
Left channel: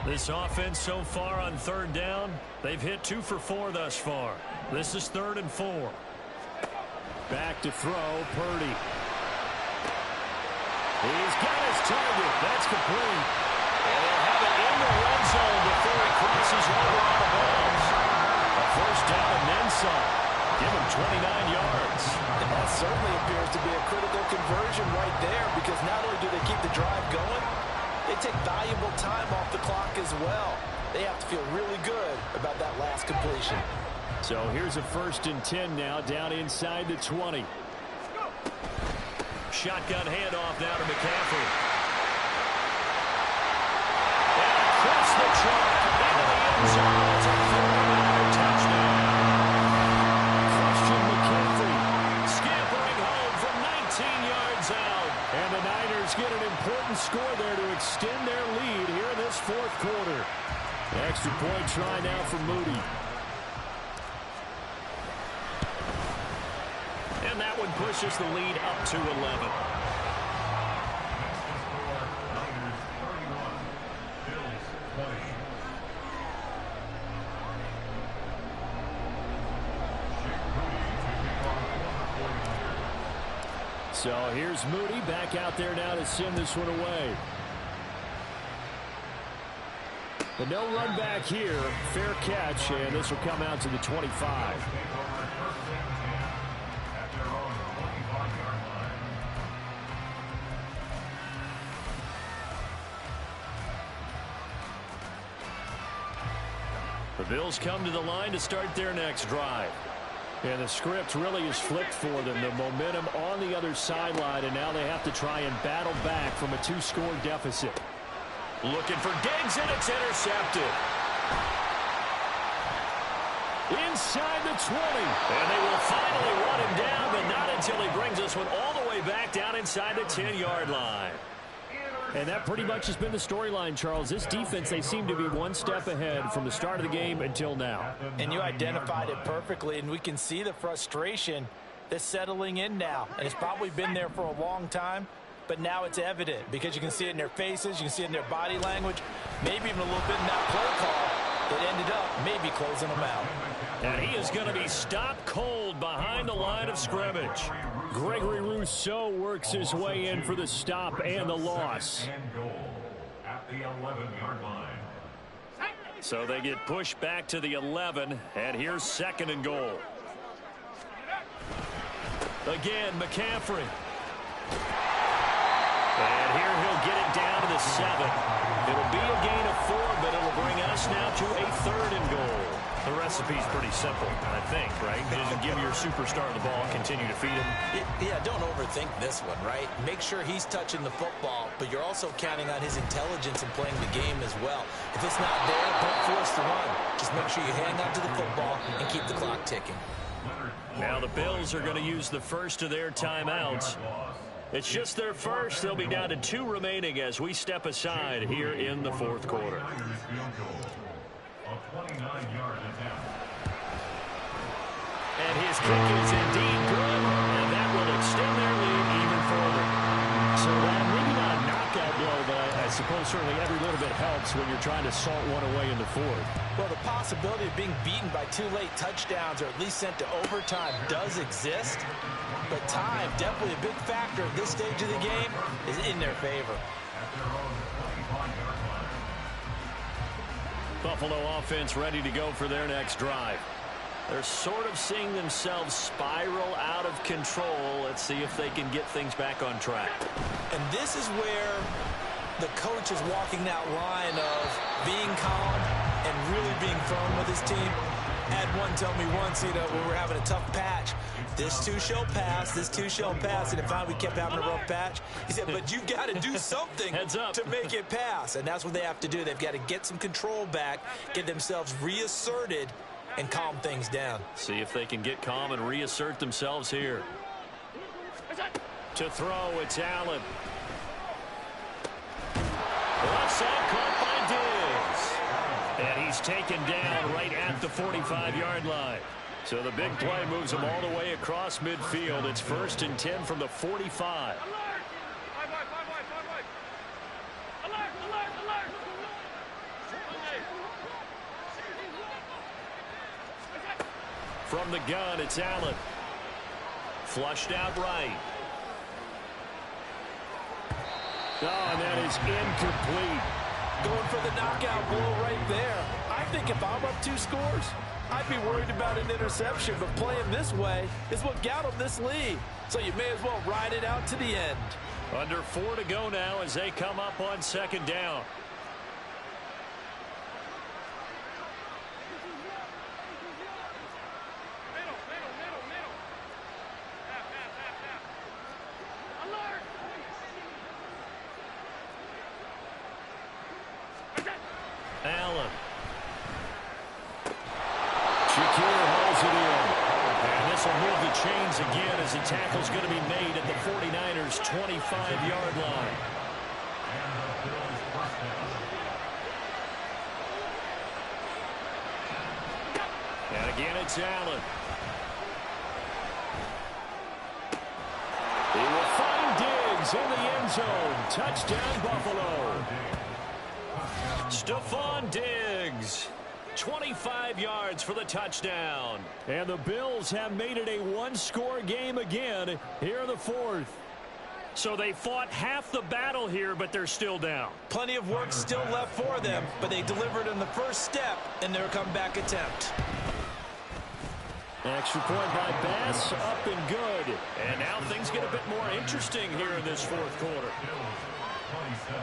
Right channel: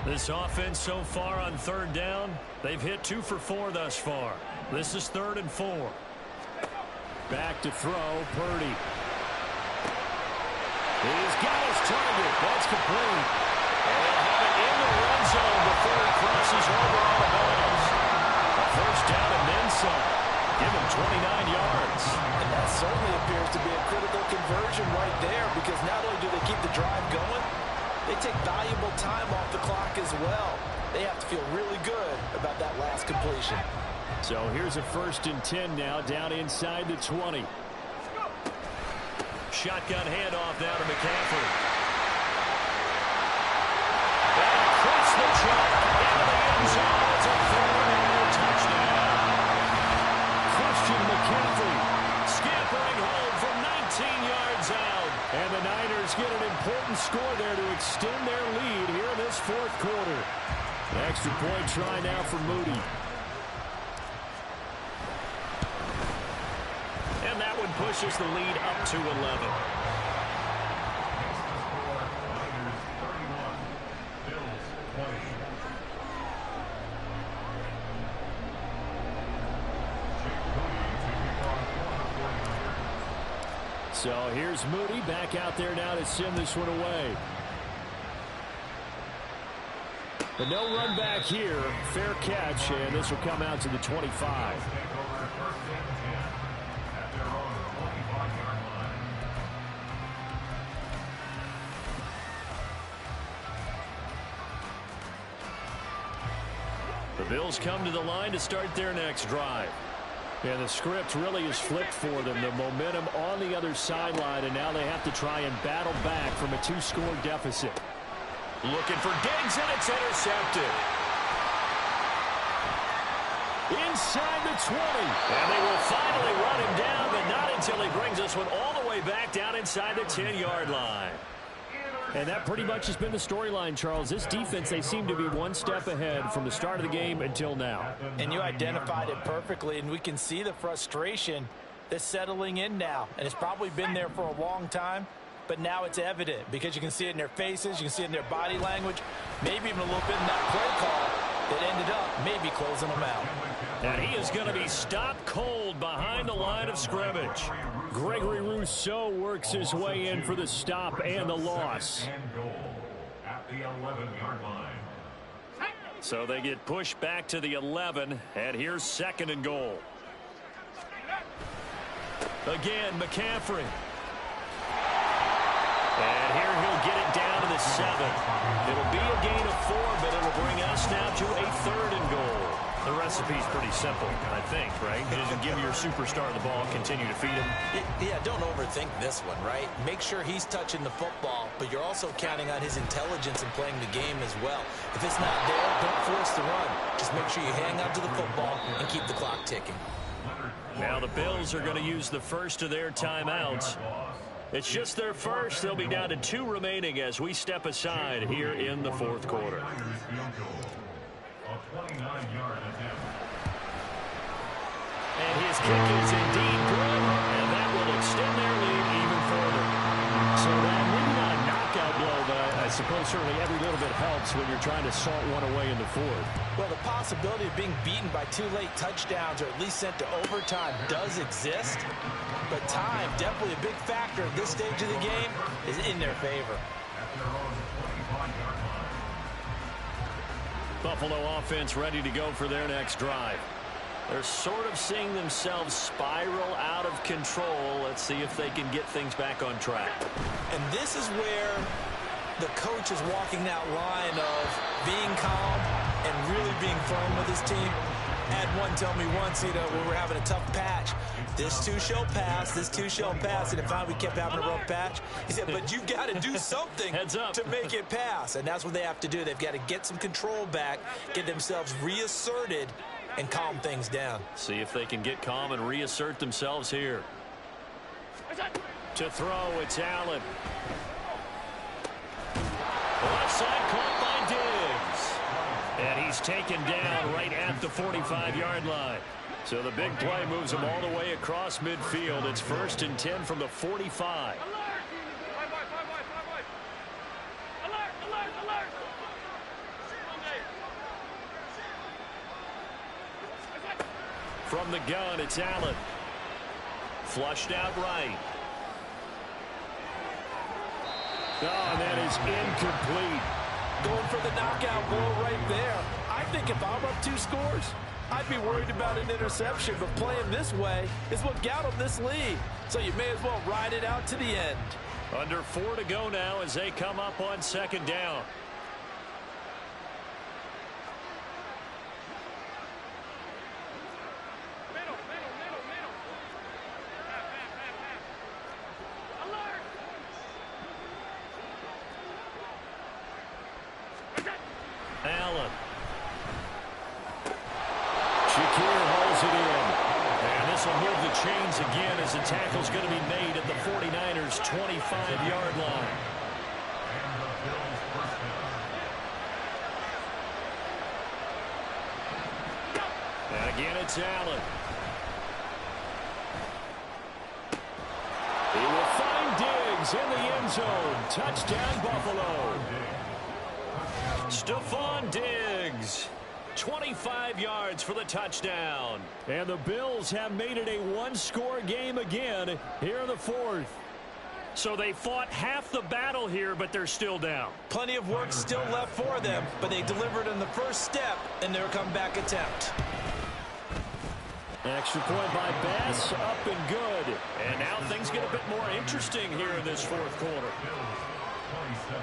This offense so far on 3rd down, they've hit 2 for 4 thus far. This is 3rd and 4. Back to throw, Purdy. He's got his target. That's complete. And they'll have it in the red zone before he crosses over out of bounds. A 1st down and then some. Give him 29 yards. And that certainly appears to be a critical conversion right there, because not only do they keep the drive going, they take valuable time off the clock as well. They have to feel really good about that last completion. So here's a 1st and 10 now, down inside the 20. Shotgun handoff now to McCaffrey. And across the chalk into the end zone. It's a 49er touchdown. Christian McCaffrey scampering home from 19 yards out. And the Niners get an important score there to extend their lead here in this 4th quarter. Extra point try now for Moody. And that one pushes the lead up to 11. So here's Moody back out there now to send this one away. But no run back here. Fair catch, and this will come out to the 25. The Bills come to the line to start their next drive. And the script really is flipped for them. The momentum on the other sideline, and now they have to try and battle back from a 2-score deficit. Looking for Diggs, and it's intercepted. Inside the 20. And they will finally run him down, but not until he brings this one all the way back down inside the 10-yard line. And that pretty much has been the storyline, Charles. This defense, they seem to be one step ahead from the start of the game until now. And you identified it perfectly, and we can see the frustration that's settling in now. And it's probably been there for a long time, but now it's evident because you can see it in their faces, you can see it in their body language, maybe even a little bit in that play call that ended up maybe closing them out. And he is going to be stopped cold behind the line of scrimmage. Gregory Rousseau works his way in for the stop and the loss. At the 11-yard line. So they get pushed back to the 11, and here's 2nd and goal. Again, McCaffrey. And here he'll get it down to the 7. It'll be a gain of 4, but it'll bring us now to a 3rd and goal. The recipe's pretty simple, I think, right? Just give your superstar the ball, continue to feed him. Yeah, don't overthink this one, right? Make sure he's touching the football, but you're also counting on his intelligence in playing the game as well. If it's not there, don't force the run. Just make sure you hang on to the football and keep the clock ticking. Now the Bills are going to use the first of their timeouts. It's just their first. They'll be down to 2 remaining as we step aside here in the 4th quarter. A 29-yard attempt. And his kick is indeed good, and that will extend their lead even further. So that maybe not a knockout blow, but I suppose certainly every little bit helps when you're trying to salt one away in the 4th. Well, the possibility of being beaten by 2 late touchdowns or at least sent to overtime does exist, but time, definitely a big factor at this stage of the game, is in their favor. At their own 25-yard line. Buffalo offense ready to go for their next drive. They're sort of seeing themselves spiral out of control. Let's see if they can get things back on track. And this is where the coach is walking that line of being calm and really being firm with his team. Had one tell me once, when we were having a tough patch, this too shall pass, this too shall pass, and finally we kept having a rough patch. He said, but you've got to do something to make it pass, and that's what they have to do. They've got to get some control back, get themselves reasserted, and calm things down. See if they can get calm and reassert themselves here. To throw, it's Allen. Left side caught by Diggs. And he's taken down right at the 45-yard line. So the big play moves him all the way across midfield. It's 1st and 10 from the 45. From the gun, it's Allen. Flushed out right. Oh, and that is incomplete. Going for the knockout blow right there. I think if I'm up 2 scores, I'd be worried about an interception, but playing this way is what got them this lead. So you may as well ride it out to the end. Under 4 to go now as they come up on 2nd down. Allen. Shakir holds it in. And this will move the chains again as the tackle's going to be made at the 49ers' 25-yard line. And the Bills first down. And again, it's Allen. He will find Diggs in the end zone. Touchdown, Buffalo. Stephon Diggs, 25 yards for the touchdown. And the Bills have made it a 1-score game again here in the 4th. So they fought half the battle here, but they're still down. Plenty of work still left for them, but they delivered in the first step in their comeback attempt. Extra point by Bass, up and good. And now things get a bit more interesting here in this fourth quarter. 27.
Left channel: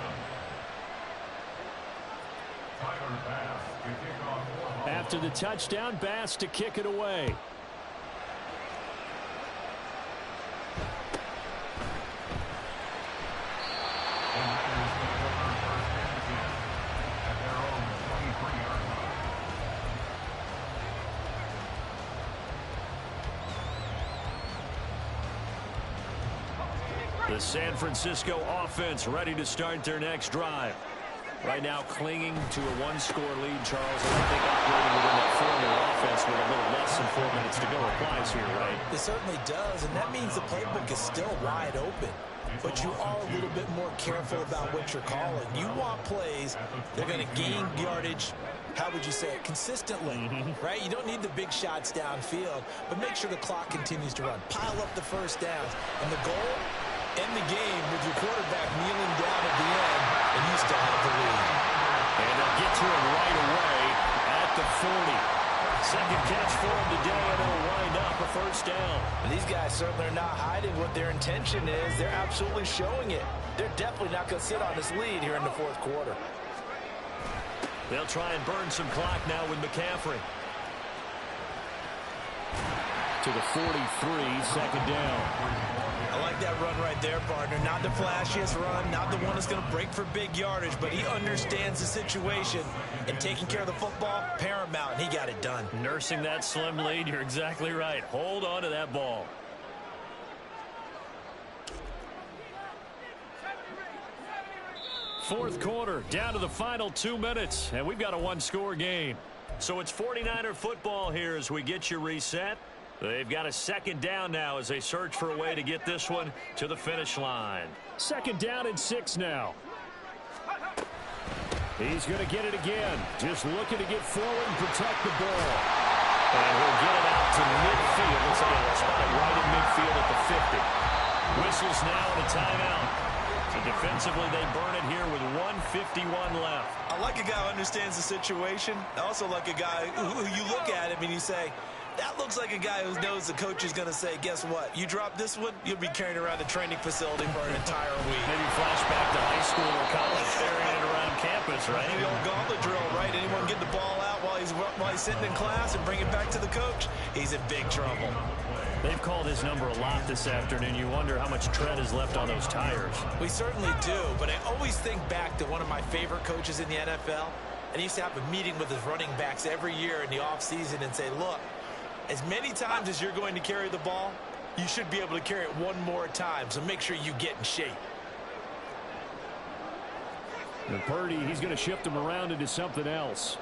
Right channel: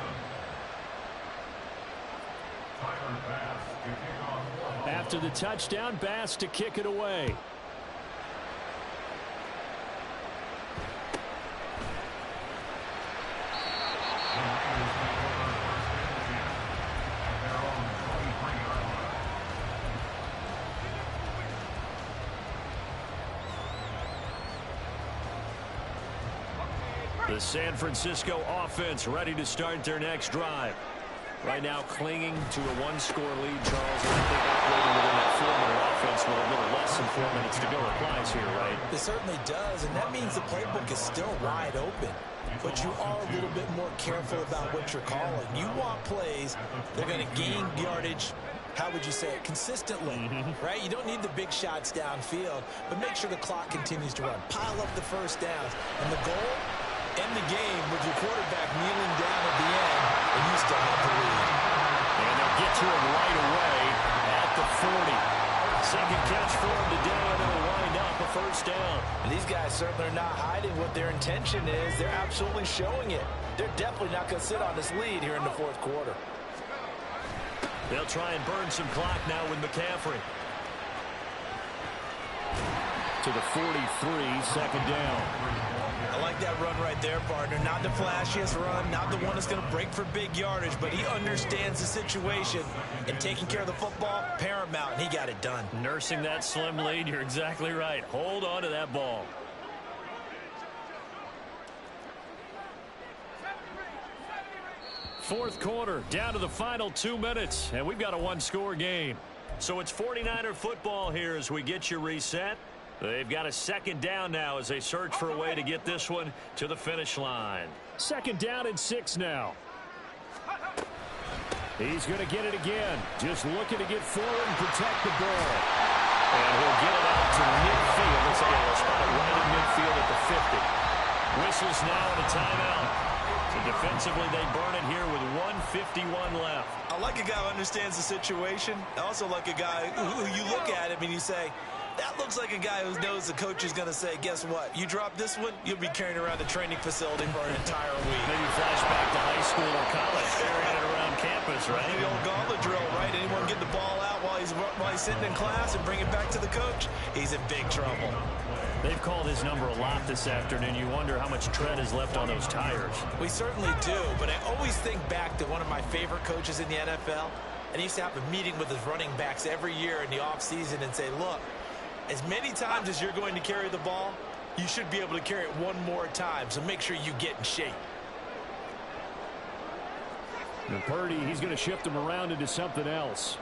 Tyler Bass to kick off. After the touchdown, Bass to kick it away. The Raiders take over first and 10 at their own 23-yard line. The San Francisco offense ready to start their next drive. Right now clinging to a one-score lead, Charles, and I think operating within that 4-minute offense with a little less than 4 minutes to go applies here, right? It certainly does, and that means the playbook is still wide open. But you are a little bit more careful about what you're calling. You want plays that are going to gain yardage, how would you say it, consistently, right? You don't need the big shots downfield, but make sure the clock continues to run. Pile up the first downs. And the goal, end the game with your quarterback kneeling down at the end, and you still have the lead. And they'll get to him right away at the 40. Second catch for him today, and it'll wind up a first down. And these guys certainly are not hiding what their intention is. They're absolutely showing it. They're definitely not going to sit on this lead here in the fourth quarter. They'll try and burn some clock now with McCaffrey. To the 43, second down. I like that run right there, partner. Not the flashiest run, not the one that's going to break for big yardage, but he understands the situation, and taking care of the football, paramount, and he got it done. Nursing that slim lead, you're exactly right. Hold on to that ball. Fourth quarter, down to the final 2 minutes, and we've got a one-score game. So it's 49er football here as we get you reset. They've got a second down now as they search for a way to get this one to the finish line. Second down and 6 now. He's going to get it again. Just looking to get forward and protect the ball. And he'll get it out to midfield. Looks like he'll spot it right in midfield at the 50. Whistles now and a timeout. So defensively, they burn it here with 1:51 left. I like a guy who understands the situation. I also like a guy who you look at him and you say, that looks like a guy who knows the coach is going to say, guess what? You drop this one, you'll be carrying around the training facility for an entire week. Maybe flashback to high school or college, carrying it around campus, right? The old gauntlet drill, right? Anyone get the ball out while he's sitting in class and bring it back to the coach? He's in big trouble. They've called his number a lot this afternoon. You wonder how much tread is left on those tires. We certainly do, but I always think back to one of my favorite coaches in the NFL, and he used to have a meeting with his running backs every year in the offseason and say, look, as many times as you're going to carry the ball, you should be able to carry it one more time, so make sure you get in shape. And Purdy, he's going to shift him around into something else.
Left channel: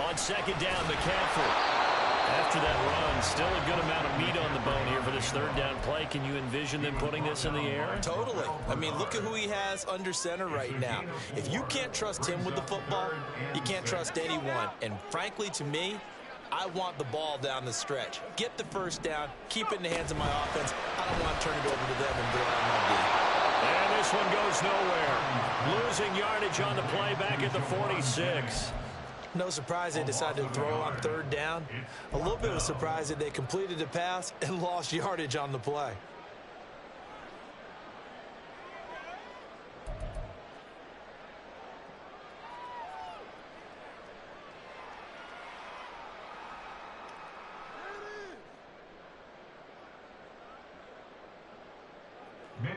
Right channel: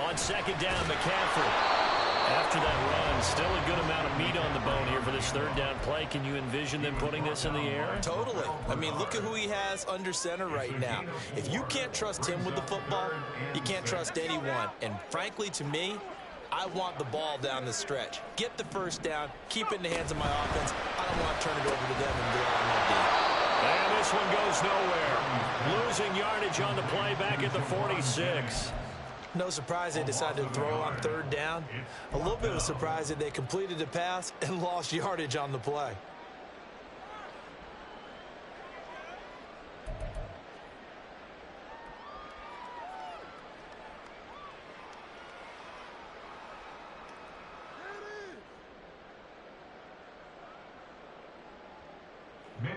On second down, McCaffrey. After that run, still a good amount of meat on the bone here for this third down play. Can you envision them putting this in the air? Totally. I mean, look at who he has under center right now. If you can't trust him with the football, you can't trust anyone. And frankly, to me, I want the ball down the stretch. Get the first down, keep it in the hands of my offense. I don't want to turn it over to them and rely on my D. And this one goes nowhere. Losing yardage on the play back at the 46. No surprise they decided to throw on third down. A little bit of a surprise that they completed the pass and lost yardage on the play.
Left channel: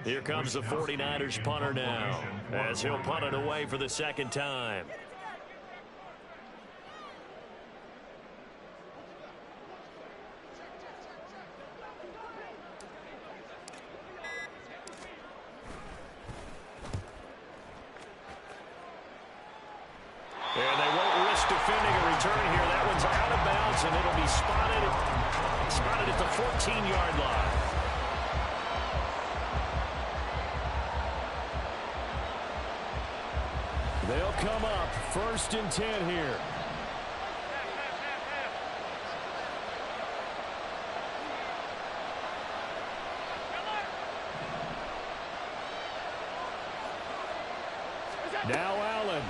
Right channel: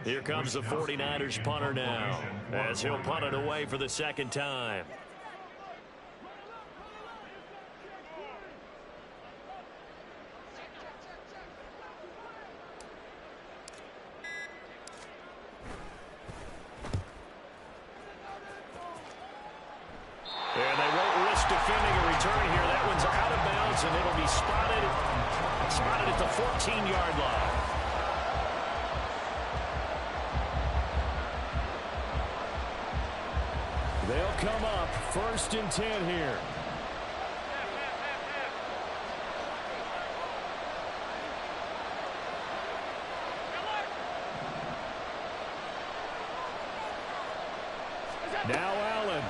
Here comes the 49ers punter now, as he'll punt it away for the second time. And they won't risk defending a return here. That one's out of bounds, and it'll be spotted at the 14-yard line. They'll come up 1st and 10 here. Now Allen.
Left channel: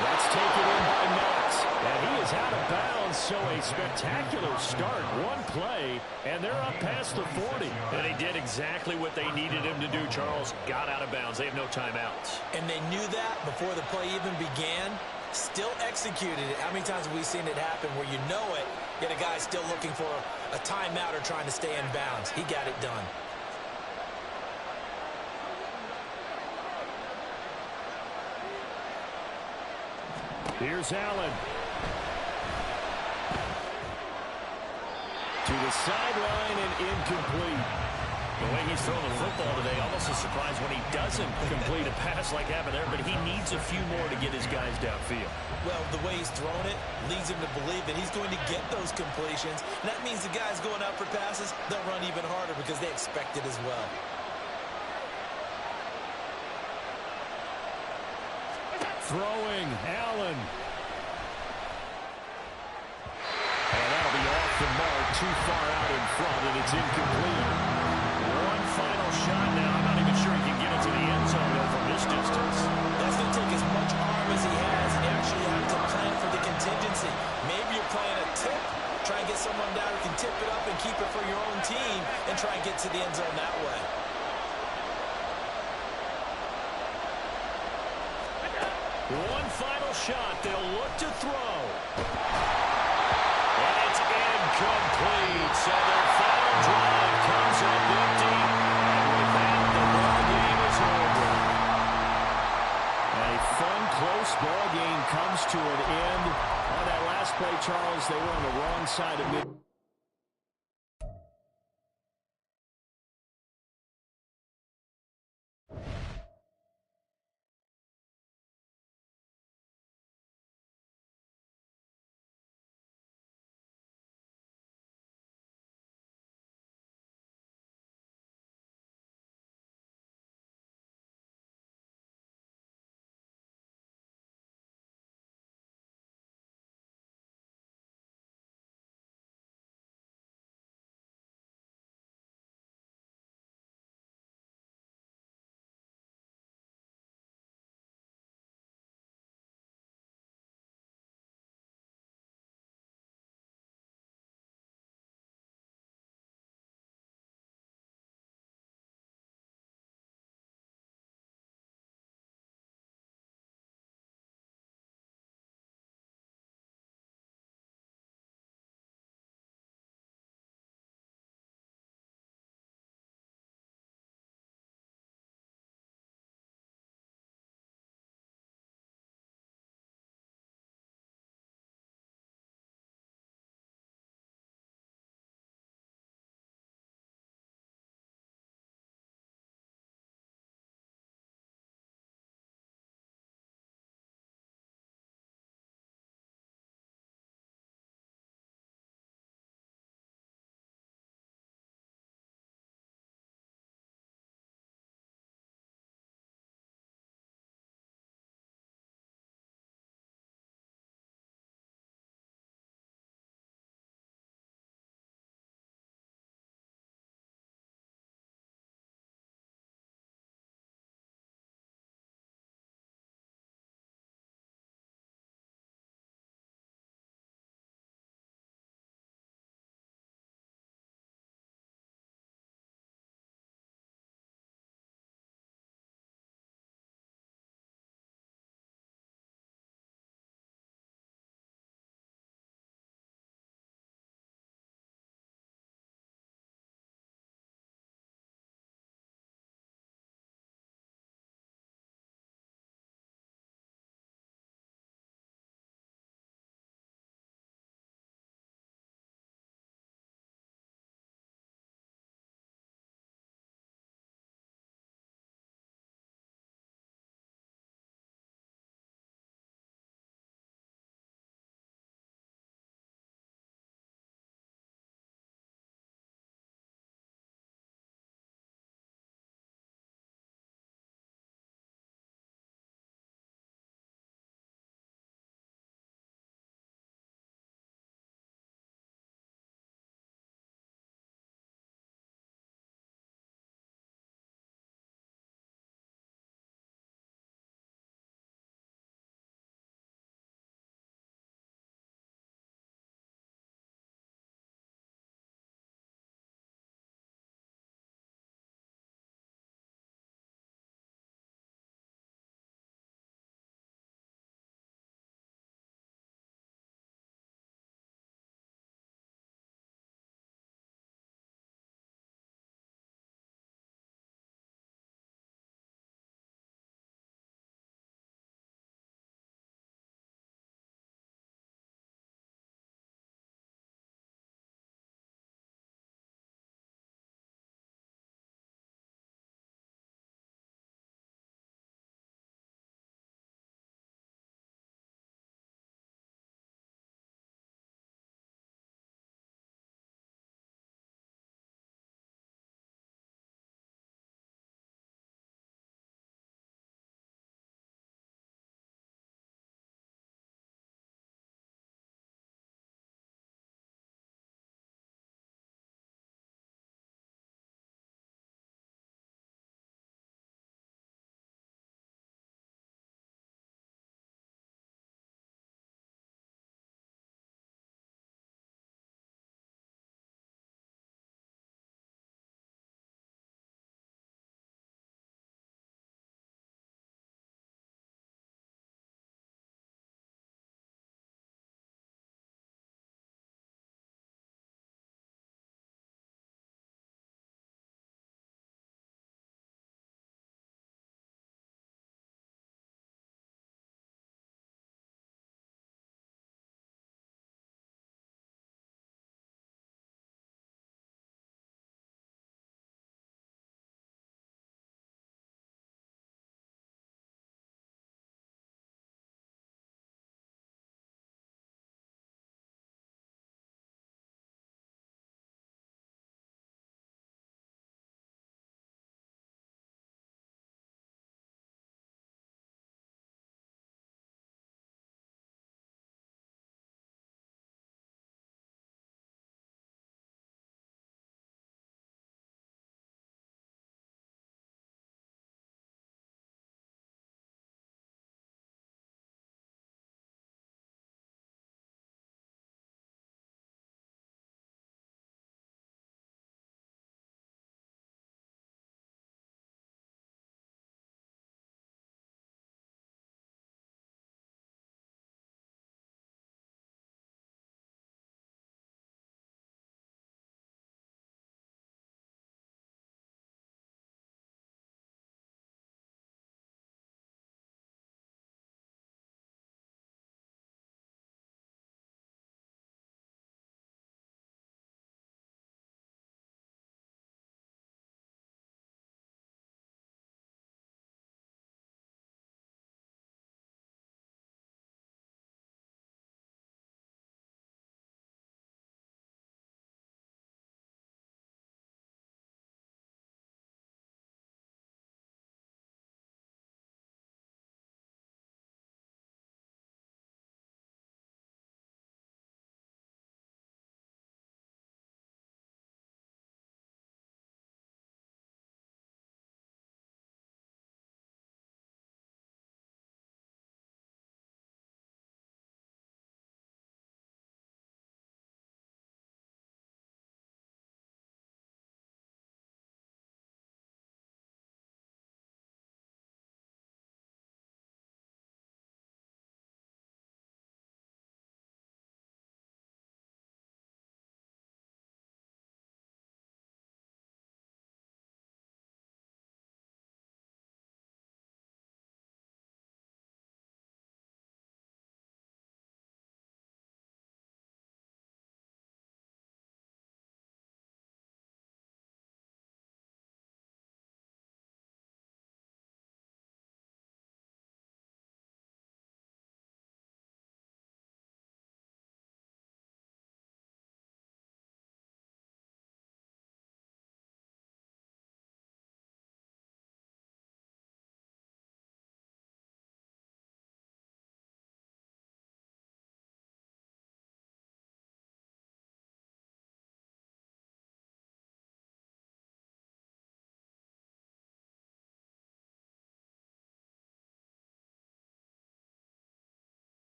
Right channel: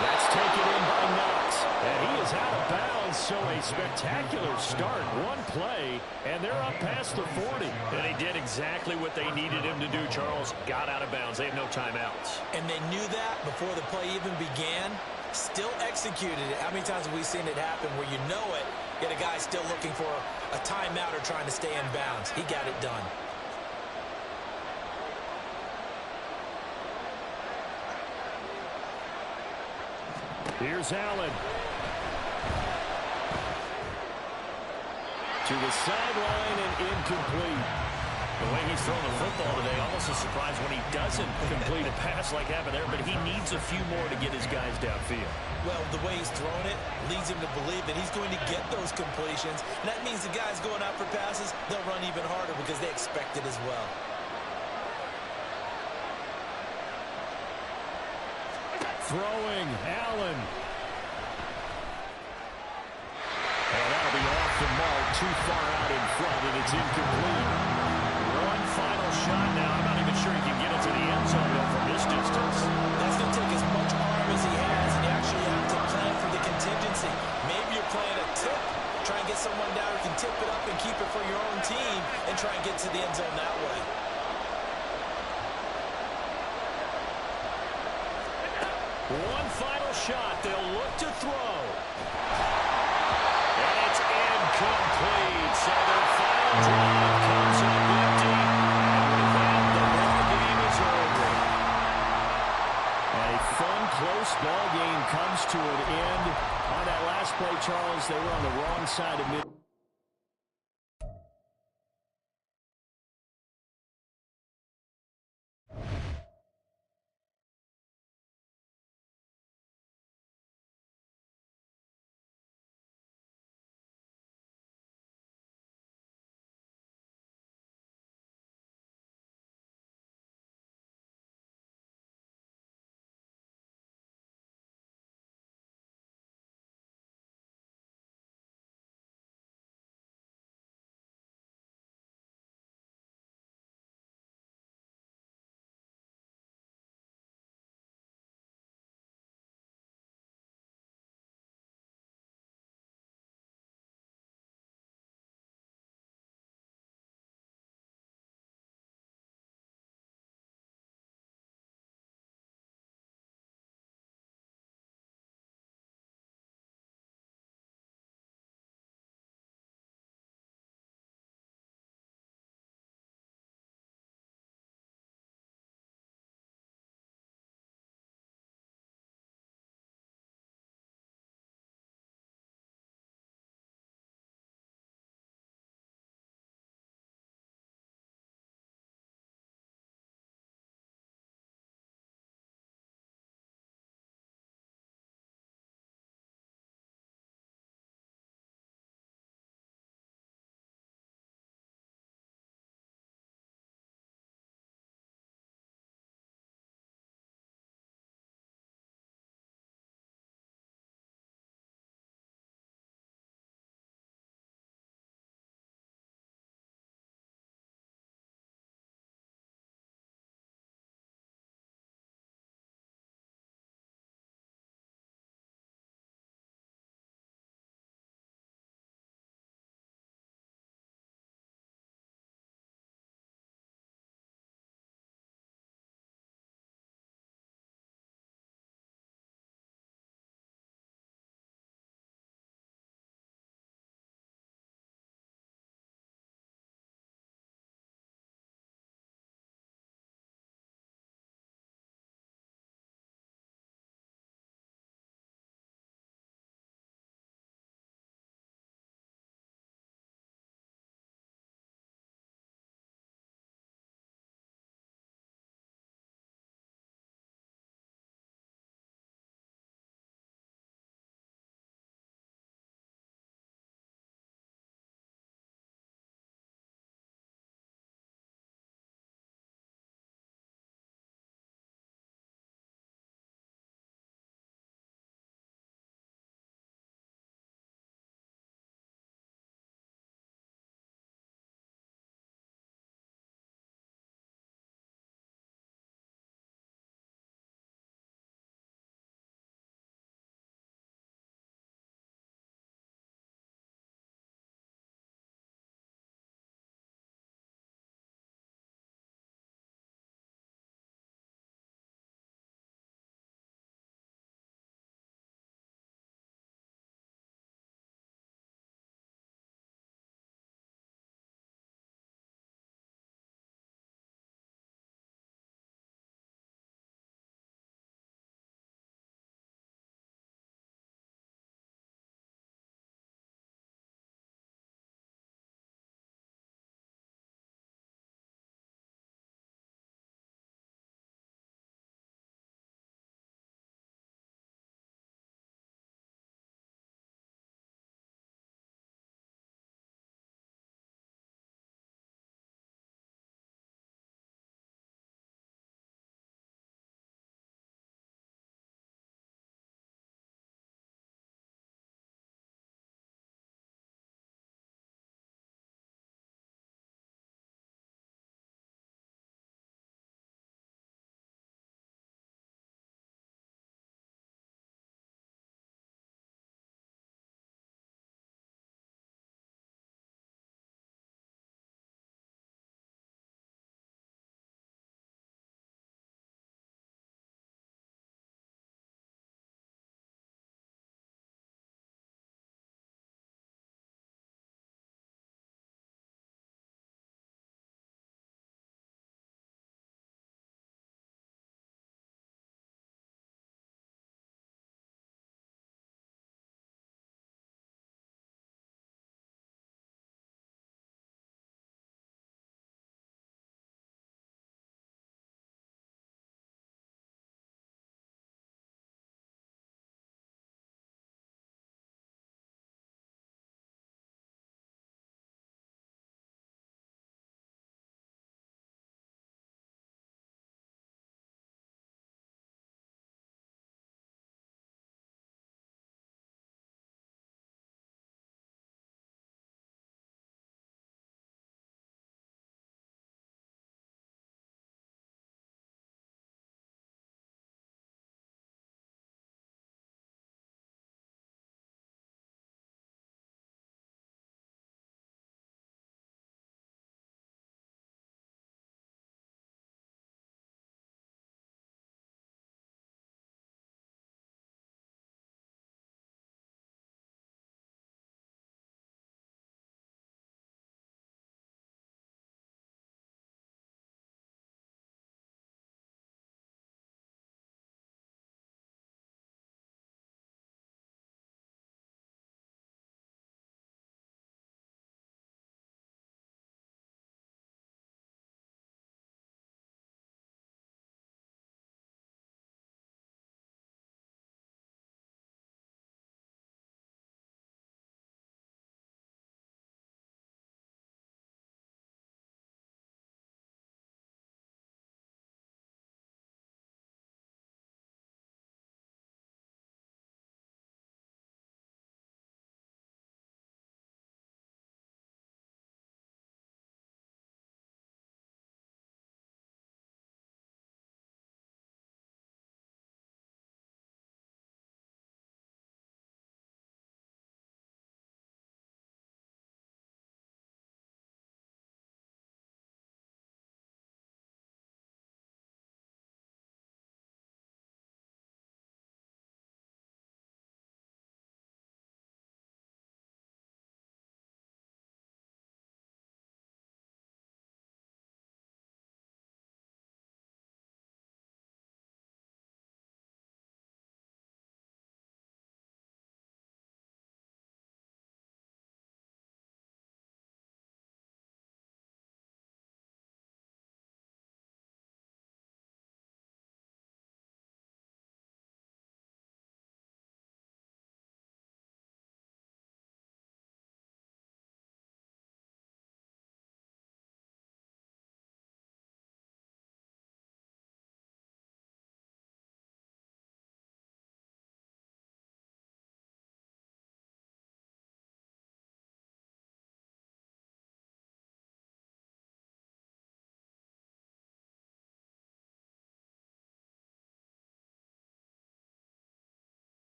That's taken in by Knox. And he is out of bounds, so a spectacular start. One play, and they're up past the 40. And he did exactly what they needed him to do, Charles. Got out of bounds. They have no timeouts. And they knew that before the play even began. Still executed it. How many times have we seen it happen where you know it, yet a guy still looking for a timeout or trying to stay in bounds? He got it done. Here's Allen. To the sideline and incomplete. The way he's throwing the football today, almost a surprise when he doesn't complete a pass like happened there, but he needs a few more to get his guys downfield. Well, the way he's thrown it leads him to believe that he's going to get those completions. And that means the guys going out for passes, they'll run even harder because they expect it as well. Throwing, Allen. And that'll be off the mark, too far out in front, and it's incomplete. One final shot now. I'm not even sure he can get it to the end zone though from this distance. That's going to take as much arm as he has, and you actually have to plan for the contingency. Maybe you're playing a tip. Try and get someone down who can tip it up and keep it for your own team and try and get to the end zone that way. One final shot. They'll look to throw. And it's incomplete. So their final drive comes up empty. And with that, the ball game is over. A fun, close ball game comes to an end. On that last play, Charles, they were on the wrong side of mid.